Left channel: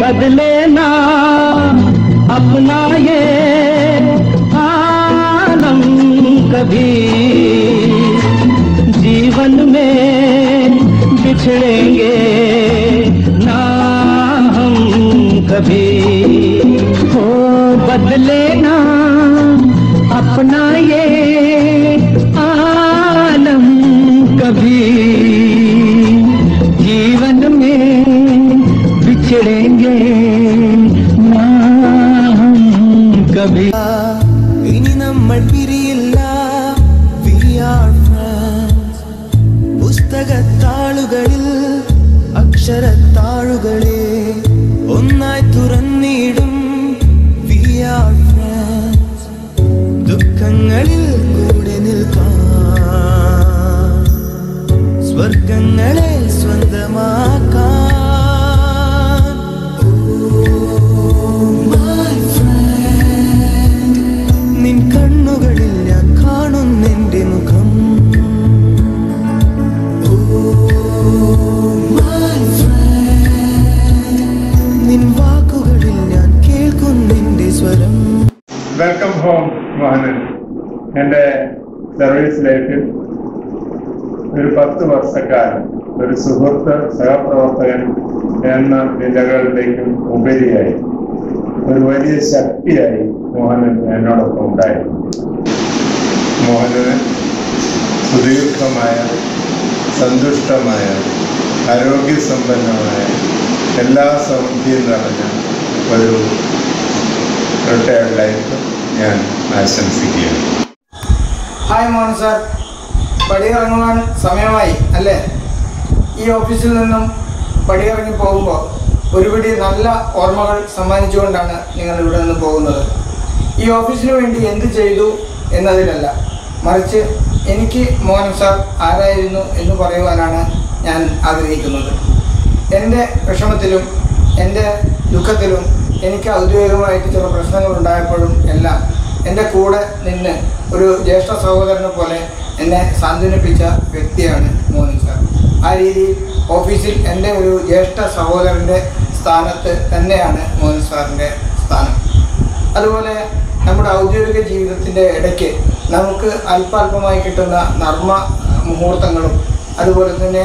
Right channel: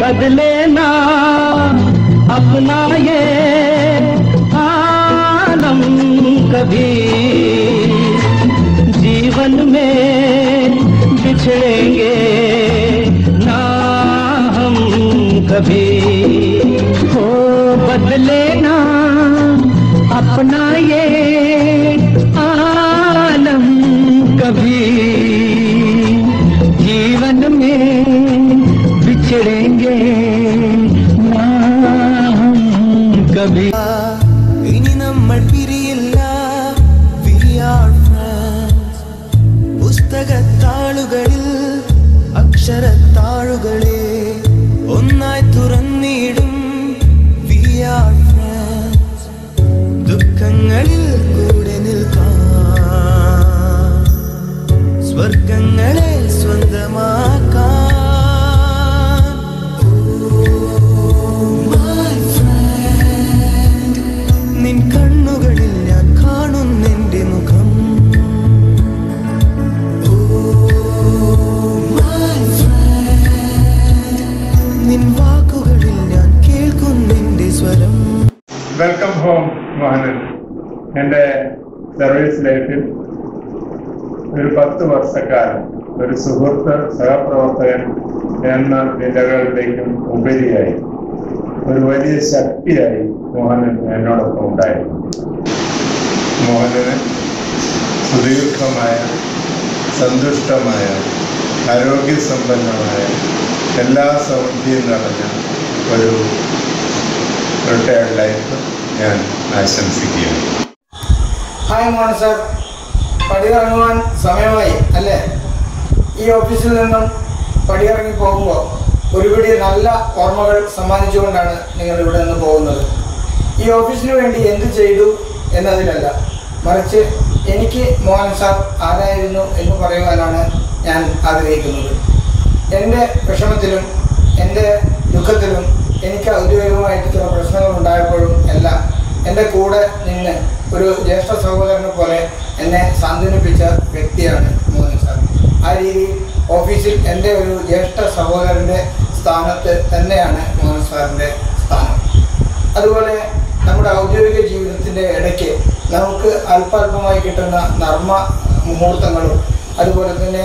बदले ना अपना ये आलम कभी, जीवन में बिछड़ेंगे ना हम कभी। हो बदले ना अपना ये आलम कभी, जीवन में बिछड़ेंगे ना हम कभी। ഇനി നമ്മൾ പിരിയില്ല, we are friends. പുസ്തകത്താളുകളിൽ അക്ഷരത്താളുകളെ ഒന്നായി തുറന്നിടും, we are friends. ദുഃഖങ്ങളിൽ കൂടെ നിൽക്കാം, സ്വർഗങ്ങളെ സ്വന്തമാക്കാം. നിൻ കണ്ണുകളിൽ ഞാൻ കാണുന്നെന്റെ മുഖം, നിൻ വാക്കുകളിൽ ഞാൻ കേൾക്കുന്നെന്റെ സ്വരം. Welcome home Mohanan. എൻ്റെ സർവീസ് ലൈഫിൽ ഒരു 10 വർഷക്കാലം ഒരു സുഹൃത്ത്, സഹപ്രവർത്തകൻ എന്ന നിലകളിലേക്കും ഉപരിയായി ഒരു വലിയ ശക്തിയായി മോഹനൻ എന്നോടൊപ്പം ഉണ്ടായിരുന്നു. മോഹനന് സുദീർഘമായ, സന്തുഷ്ടമായ, ആരോഗ്യസമ്പന്നമായ, എല്ലാ സൗന്ദര്യം നിറഞ്ഞ ഒരു റിട്ടയർഡ് ലൈഫ് ഞാൻ ആശംസിക്കുകയാണ്. ഹായ് മോഹൻ സാർ, പടിയിറങ്ങുവാൻ സമയമായി അല്ലേ? ഈ ഓഫീസിൽ നിന്നും പടിയിറങ്ങി പോകുമ്പോൾ ഒരുപിടി നല്ല ഓർമ്മകൾ സമ്മാനിച്ചുകൊണ്ടാണ് നിങ്ങൾ ഇവിടെ നിന്ന് പോകുന്നത്. ഈ ഓഫീസിന് വേണ്ടി എന്ത് ചെയ്തു എന്നതിലല്ല, മറിച്ച് എനിക്ക് മോഹൻ സാർ ആരായിരുന്നു എന്ന് പറയുവാനാണ് ഞാൻ ആഗ്രഹിക്കുന്നത്. എൻ്റെ വിഷമത്തിലും എൻ്റെ ദുഃഖത്തിലും എനിക്ക് ഔദ്യോഗികമായിട്ട് ചില പ്രശ്നങ്ങൾ ഉണ്ടായപ്പോഴും എല്ലാം എൻ്റെ കൂടെ നിന്ന് ഒരു ജ്യേഷ്ഠ സഹോദരനെ പോലെ എന്നെ സാന്ത്വനിപ്പിച്ച വ്യക്തിയാണ് മോഹൻ സാർ. ആ രീതിയിൽ ഓഫീസിൽ എൻ്റെ ഒരു ജ്യേഷ്ഠ സഹോദരൻ്റെ സ്ഥാനത്ത് തന്നെയാണ് മോഹൻ സാറിൻ്റെ സ്ഥാനം. അതുപോലെ നമ്മുടെ ഔദ്യോഗിക ജീവിതത്തിൻ്റെ ഇടയ്ക്ക് നമുക്ക് അല്പാൽപമായി കിട്ടുന്ന നർമ്മ മുഹൂർത്തങ്ങളും അതുപോലെ തന്നെ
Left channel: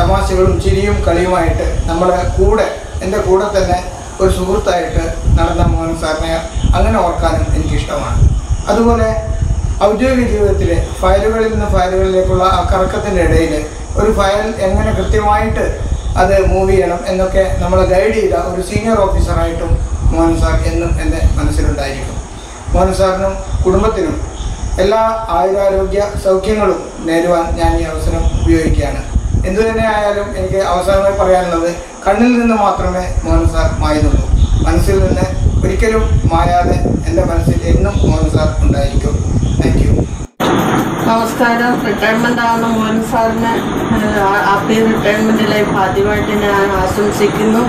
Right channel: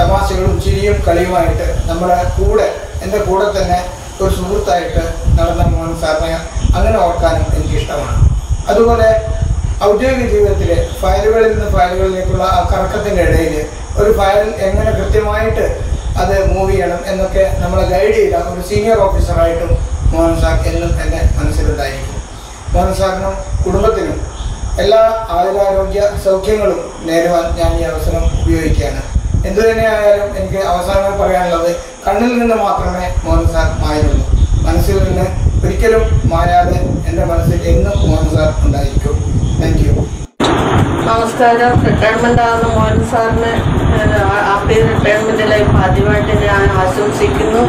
തമാശകളും ചിരിയും കളിയുമായിട്ട് നമ്മുടെ കൂടെ, എൻ്റെ കൂടെ തന്നെ ഒരു സുഹൃത്തായിട്ട് നടന്ന മോഹൻ സാറിനെ അങ്ങനെ ഓർക്കാനും എനിക്കിഷ്ടമാണ്. അതുപോലെ ഔദ്യോഗിക ജീവിതത്തിൽ ഫയലുകളിൽ നിന്ന് ഫയലുകളിലേക്കുള്ള ആ കറക്കത്തിൻ്റെ ഇടയിൽ ഒരു ഫയൽ എങ്ങനെ കൃത്യമായിട്ട് അത് മൂവ് ചെയ്യണം എന്നൊക്കെ നമ്മളെ ഗൈഡ് ചെയ്ത ഒരു സീനിയർ ഓഫീസറായിട്ടും മോഹൻ സാർ എന്നും എൻ്റെ മനസ്സിലുണ്ടായിരിക്കും. മോഹൻ സാറിനും കുടുംബത്തിനും എല്ലാ ആയുരാരോഗ്യ സൗഖ്യങ്ങളും നേരുവാൻ ഞാൻ ഈ അവസരം ഉപയോഗിക്കുകയാണ്. എന്തു തന്നെ ആയാലും എനിക്ക് അവസാനമായി പറയാനുള്ളത്, കണ്ണിൽ നിന്ന് മാത്രമേ മോഹൻ സാർ മായുന്നുള്ളൂ. മനസ്സിൽ നിന്ന് ഒരിക്കലും മായാതെ എൻ്റെ മനസ്സിൽ എന്നും മോഹൻ സാർ ഉണ്ടായിരിക്കും. Thank you. നമസ്കാരം. റിട്ടയർമെന്റ് ആവുന്ന മോഹൻ സാറിന് ഹാപ്പി റിട്ടയർമെന്റ് ലൈഫ് ആദ്യമായിട്ട് ഞാൻ ആശംസിക്കുന്നു.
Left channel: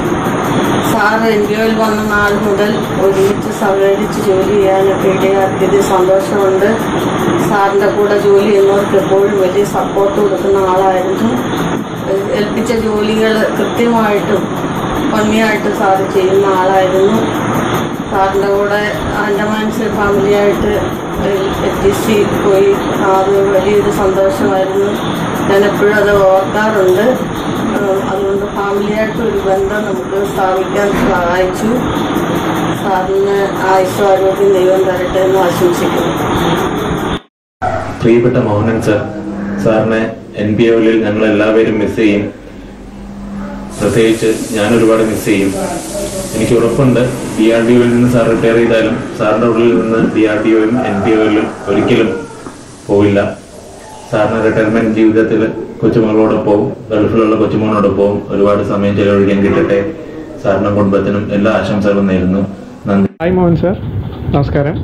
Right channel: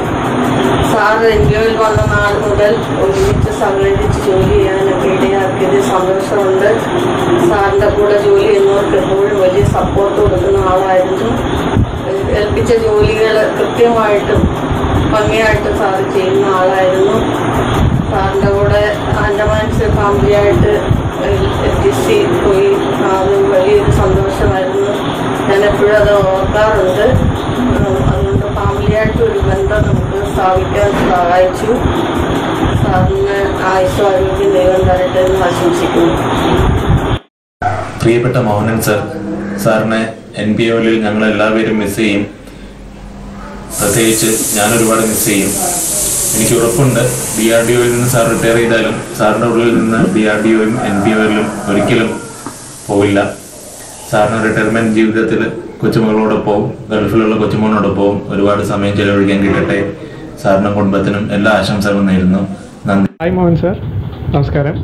സാർ NPOയിൽ വന്ന നാൾ മുതൽ ഒരുമിച്ച് സഹകരിച്ച് ജോലി ചെയ്യാനൊക്കെ ഇടയാക്കിയത് സന്തോഷമുണ്ട്. സാറിന്റെ കൂടെ ജോലി ചെയ്യുന്നവർക്ക് എപ്പോഴും വലിയ സപ്പോർട്ട് കൊടുക്കുന്ന ആളായിരുന്നു. ഏൽപ്പിച്ച ജോലികൾ കൃത്യമായിട്ടും ഭംഗിയായിട്ട് സാറ് ചെയ്യുന്ന ആളായിരുന്നു. സാറിന്റെ കൂടെ ആൻഡമാൻസ് ഫാമിലിയായിട്ട് FTC പോയി, അത് വലിയൊരു സന്തോഷമായിരുന്നു. ഞാൻ എപ്പോഴും അത് ഓർക്കാറുണ്ട്. അതുകൊണ്ട് ഫാമിലിയായിട്ട് ഒരു ബന്ധം നമുക്ക് സ്ഥാപിക്കാൻ സഹായിച്ചു. സാറിന് ആയുസ്സും ആരോഗ്യം ദൈവം തരട്ടെ എന്ന് ആശംസിക്കുന്നു. പ്രിയപ്പെട്ട മോഹനൻ സർ, സാറിനെ NPOയിൽ ഞങ്ങൾ എല്ലാവരും മിസ് ചെയ്യും. പ്രത്യേകിച്ച് ഞാൻ ഒരുപാട് മിസ് ചെയ്യും. എനിക്ക് ഉറപ്പുണ്ട് DRDOയിൽ നിന്ന് സാർ റിട്ടയർ ചെയ്താലും സാറിൻ്റെ ഉള്ളിൽ നിന്ന് DRDOയും NPOയിലും ഒരിക്കലും പോവില്ല. സാറിന് റിട്ടയർമെന്റ് ജീവിതത്തിൽ കൊച്ചുമകളോടൊപ്പവും ഗൾഫിലുള്ള കൊച്ചുമോനോടൊപ്പവും ഒരുപാട് സമയം ചെലവഴിക്കാൻ കിട്ടട്ടെ. സാറിനും കുടുംബത്തിനും എല്ലാ ആശംസകളും നേരുന്നു. നന്ദി. ഹായ് മോഹൻ സാർ, നമസ്കാരം.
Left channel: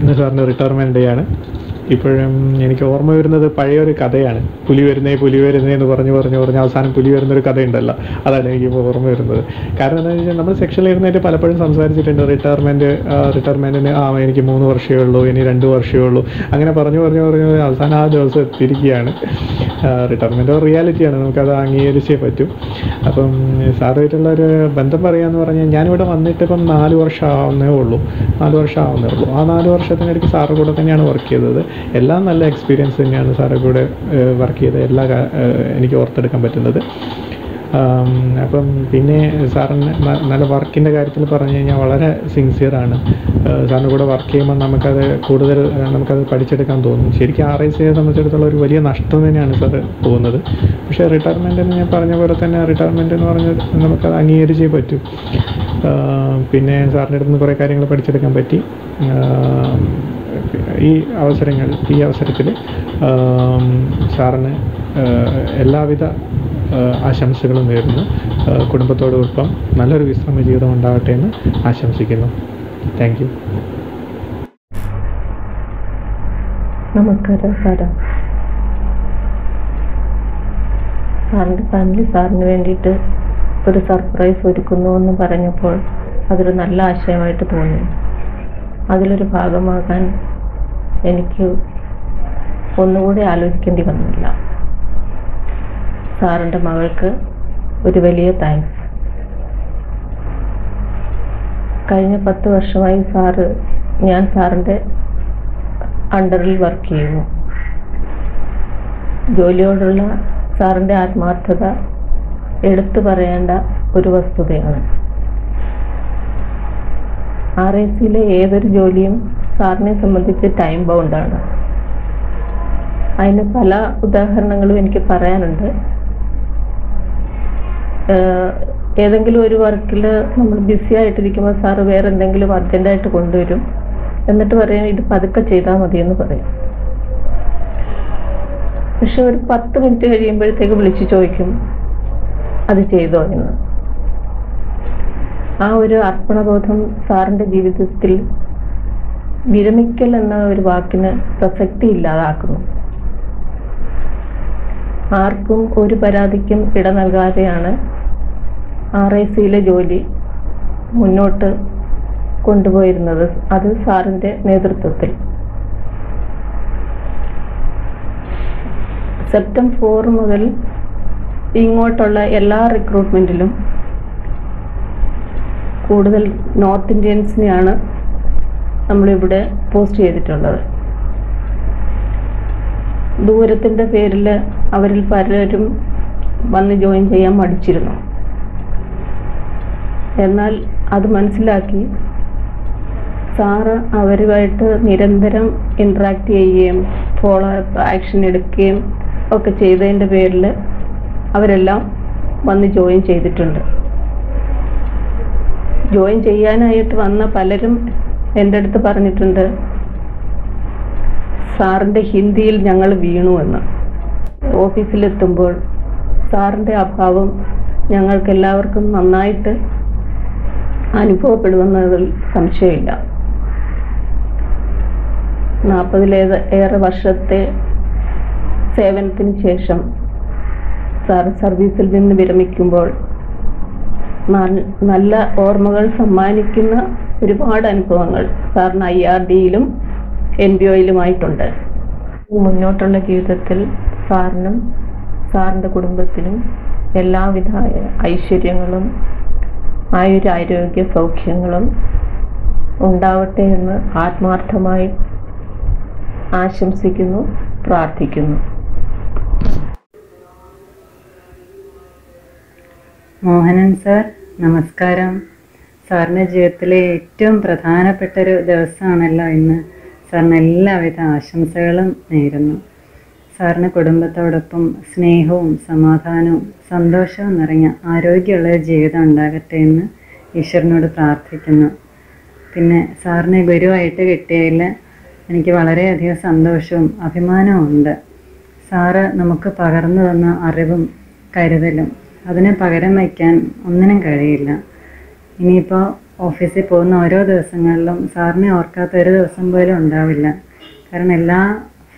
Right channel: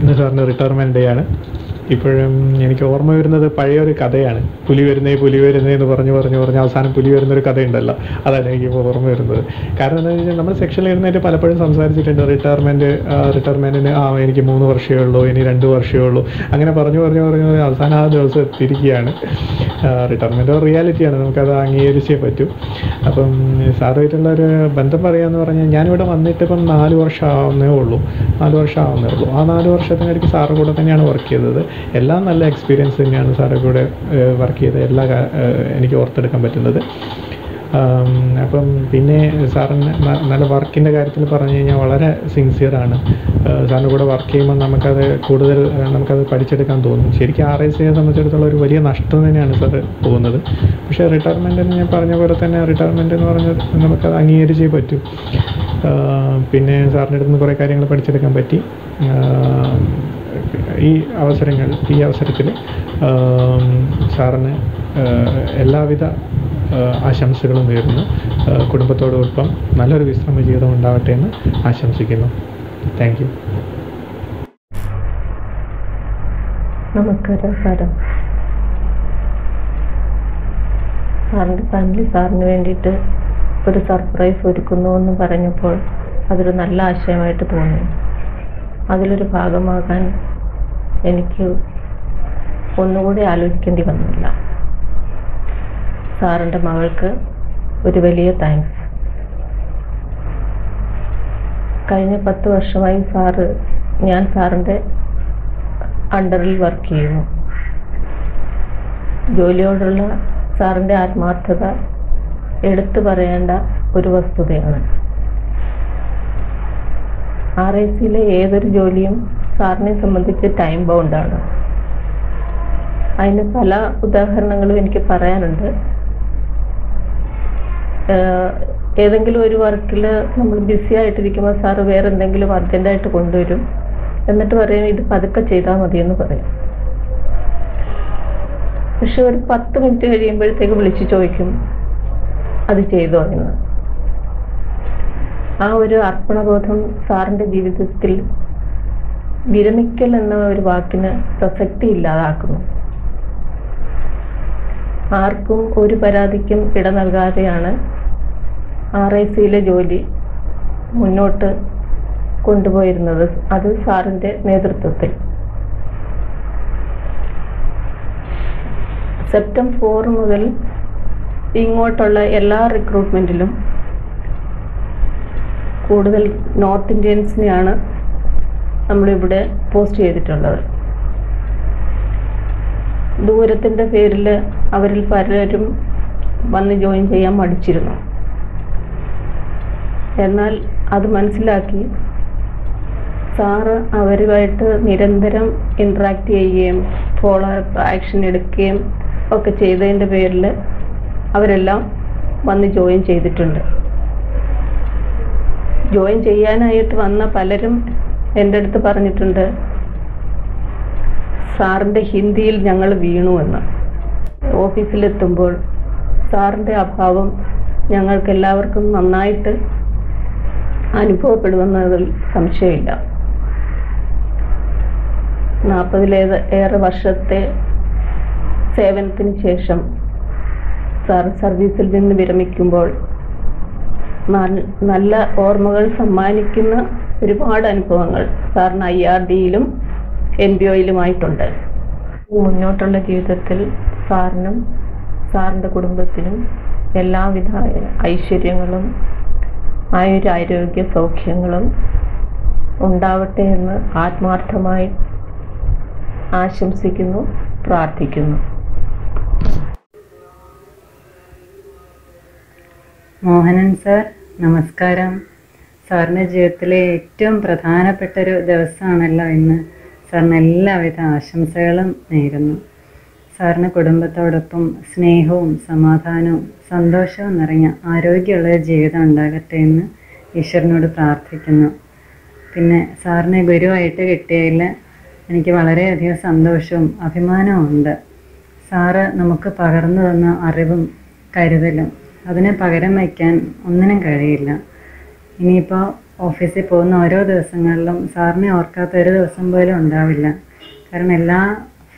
ഇന്ന് സാറിൻ്റെ റിട്ടയർമെൻറ്റ് ഡേ ആണ്. ഇപ്പോഴും എനിക്ക് ഓർമ്മ വരുന്നത് പഴയൊരു കഥയാണ്. പുലി വരുന്നേ എന്ന് പറഞ്ഞ് അവസാനം പുലി വരുന്നൊരു കഥയുണ്ടല്ലോ, അതാണ് എനിക്കിപ്പോൾ ഓർമ്മ വരുന്നത്. കാരണം എന്താണെന്ന് വെച്ചാൽ നമ്മൾ സെക്ഷനിൽ ഇരുന്നിട്ട് പലപ്പോഴും സംസാരിച്ചിട്ടുണ്ട്. റിട്ടയർമെൻറ്റിന് എനിക്ക് 3 വർഷമേ ഉള്ളൂ, ഇനി 2 വർഷമേ ഉള്ളൂ, അങ്ങനെ പറഞ്ഞു അവസാനം ആ ദിവസം എത്തിയിരിക്കുകയാണ്. റിട്ടയർമെൻറ്റ് ഒരു റിയാലിറ്റിയാണ്, നമുക്കത് അംഗീകരിച്ചേ പറ്റൂ. അപ്പം സാറുമായിട്ടുള്ള ഒരു ബന്ധം പറയാമെന്ന് പറഞ്ഞാൽ ഞാനിവിടെ വന്നിട്ട് ഇപ്പം 4 വർഷം ആവുന്നേ ഉള്ളൂ. ആ 4 വർഷത്തിനിടയ്ക്ക് സാറ് കൂടെ തന്നെയാണ് വർക്ക് ചെയ്തത്. എല്ലാം നല്ല എക്സ്പീരിയൻസ് തന്നെയാണ് സാറ് കൂടെ വർക്ക് ചെയ്ത എനിക്ക് ഓർത്തെടുക്കാൻ പറ്റുന്നത്. അപ്പം പിന്നെ സാറിന് നല്ല വർക്കിൻ്റെ കാര്യത്തിൽ പറഞ്ഞു കഴിഞ്ഞാൽ വളരെ സിൻസിയറാണ്. സാറിൻ്റെ കൂടെ വർക്ക് ചെയ്യുമ്പോൾ നമുക്കത് പഠിച്ചെടുക്കാൻ തോന്നും. ശരിക്കും RICയെ സംബന്ധിച്ചിടത്തോളം ഒരു വലിയ നഷ്ടം തന്നെയാണ് സാറ് പോകുന്നത്. പക്ഷേ റിട്ടയർമെൻറ്റിന് ഞാൻ പറഞ്ഞ പോലെ തന്നെ റിട്ടയർമെൻറ്റ് എന്ന് പറഞ്ഞാൽ നമുക്കത് അംഗീകരിച്ചേ പറ്റൂ. പിന്നെ സാറിൻ്റെ അടുത്ത് നിന്ന് കുറേ കാര്യങ്ങൾ പഠിച്ചെടുക്കാൻ പറ്റി. ഈ അവസരത്തിൽ സാറിന് എല്ലാവിധ ആശംസകളും നേരുന്നു. കുടുംബത്തോടൊപ്പം നല്ലൊരു വിശ്രമ ജീവിതം ഉണ്ടാവട്ടെ എന്ന് ആശംസിക്കുന്നു. Thank you. നമസ്കാരം സാറേ. സാറിൻ്റെ ഫാമിലി സാറിന് വേണ്ടിയിട്ട് ഒരു സർപ്രൈസ് ഒരുക്കുന്നു എന്ന് പറഞ്ഞപ്പോൾ അതൊരു നല്ല ആശയമായിട്ട് തോന്നി. അതിലൊരു ഭാഗമാകാൻ എനിക്ക് ഒന്നുകൂടി ആലോചിക്കേണ്ടി വന്നില്ല. സാറിൻ്റെ മകൾക്ക് ഒരു വലിയ താങ്ക്സ്. കഴിഞ്ഞ 10 വർഷമായി ഞാൻ സാറിൻ്റെ അണ്ടറിൽ വർക്ക് ചെയ്യുന്നു. ജോലിയോടുള്ള സാറിൻ്റെ ആത്മാർത്ഥത എടുത്തു പറയേണ്ട ഒരു വസ്തുതയാണ്. RICയിലെ ഏതൊരു ജോലിയും സാറിനെ സംബന്ധിച്ച് ടൈം ബൗണ്ടാണ്. അതിന് പല ഉദാഹരണങ്ങളും എനിക്ക് പറയാനുണ്ട്. ഏതെങ്കിലും ഒരു വർക്കിൽ നമ്മൾ ബിസി ആയിട്ടിരിക്കുമ്പോൾ സാറ് വേറെ എന്തെങ്കിലും അർജൻറ്റായിട്ട് കൊണ്ടുവരും. എന്നിട്ട് പറയും ഇത് പതുക്കെ ചെയ്താൽ മതിയെന്ന് പറയും. പക്ഷെ ഒരു 10 മിനിറ്റ് കഴിയുമ്പോഴത്തേക്ക് വിളിച്ച് ചോദിക്കും അത് ചെയ്തോ എന്ന്. ആ ഒരു അർപ്പണബോധം സാറിൻ്റെ ജീവിതത്തിൽ വിരമിക്കൽ എന്ന ഒരു വാക്കിന് പ്രസക്തി ഇല്ലാതാക്കുന്നു. ആർക്കും ഒരു പരാതിക്കും ഇട നൽകാതെയാണ് RICയിലെ ജോലി മുന്നോട്ട് കൊണ്ടുപോയിരുന്നത്. അത് സാറിൻ്റെ നേതൃത്വത്തിൽ. സെപ്റ്റംബർ 4 മുതൽ ഇങ്ങോട്ടുള്ള എല്ലാ റിക്രൂട്ട്മെൻറ്റിലും കൂടുതൽ നോർത്ത് ഇന്ത്യൻസിനെയാണ് നമ്മളിവിടെ പോസ്റ്റ് ചെയ്തിട്ടുള്ളത്. ദൂരത്തിൻ്റെ പേരിൽ അവരിൽ പലരും വന്ന് ജോയിൻ ചെയ്യാൻ മടിച്ചിരുന്നു. എന്നാൽ അത് മനസ്സിലാക്കി സാറ് അവരുമായിട്ട് നിരന്തരം ഇൻട്രാക്ട് ചെയ്യുകയും ഫോളോ അപ്പ് ആക്ഷൻ എടുക്കുകയും ഒക്കെ ചെയ്തതിൻ്റെ പേരിൽ അവരെല്ലാം വന്ന് ജോയിൻ ചെയ്തിട്ടുണ്ട്. ജോയിൻ ചെയ്യാനായിട്ട് വന്ന പലരും എൻ്റെ അടുത്ത് പറഞ്ഞിട്ടുണ്ട് സാറിൻ്റെ ഹിന്ദിയിൽ ഞങ്ങൾ വീണു എന്ന്. ഓഫീസിലെത്തുമ്പോൾ സാറിൻ്റെ അഭാവം ഞങ്ങൾക്കെല്ലാവർക്കും നന്നായിട്ട് അനുഭവപ്പെടുമെന്നതിൽ സംശയമില്ല. 40-ലേറെ വർഷത്തെ സേവനത്തിന് ശേഷം സാർ സർവീസിൽ നിന്ന് വിരമിക്കുമ്പോൾ നല്ല ഓർമ്മകൾ സമ്മാനിക്കുന്ന ഒരുപാട് അനുഭവങ്ങൾ സാറിന് IRDയിലും NBOയിലുമായിട്ടുണ്ട്. മുന്നോട്ടുള്ള ജീവിതത്തിൽ സാറിനും സാറിൻ്റെ കുടുംബത്തിനും എല്ലാവിധ ഐശ്വര്യങ്ങളും ആയുരാരോഗ്യ സൗഖ്യങ്ങളും ഉണ്ടാവട്ടെ എന്ന് ആത്മാർത്ഥമായി ആശംസിക്കുന്നു, പ്രാർത്ഥിക്കുന്നു. മോഹനൻ സാർ, നമസ്കാരം. സാറിൻ്റെ ജീവിതത്തിലെ ഏറ്റവും പ്രധാനപ്പെട്ടൊരു ദിവസമാണല്ലോ ഇന്ന്. സാറിന് എല്ലാവിധ ആശംസകളും നേരുന്നു. സാറിന് കുടുംബത്തോടൊപ്പം സ്നേഹവും സമാധാനവും സന്തോഷവും നിറഞ്ഞ ആരോഗ്യമുള്ള ജീവിതം ഉണ്ടാകട്ടെ എന്ന് ഈശ്വരനോട് പ്രാർത്ഥിക്കുന്നു. പിന്നെ സാറിനെ ഗുരുവായിട്ട് കിട്ടിയതിൽ എനിക്ക് വളരെയധികം സന്തോഷവും അഭിമാനവും ഉണ്ട്. സാറ് നമുക്ക് പകർന്നു തന്ന അറിവും കരുതലും അതിനെ പകരം വയ്ക്കാൻ ഒന്നിനും കഴിയില്ല. ഇനിയിപ്പോൾ ഓഫീസിൽ പോകുന്ന ഓരോ ദിവസങ്ങളിലും സാറിനെ ഓർക്കാത്ത ഒരു ദിവസം പോലും ഉണ്ടാവില്ല. കാരണം എല്ലാ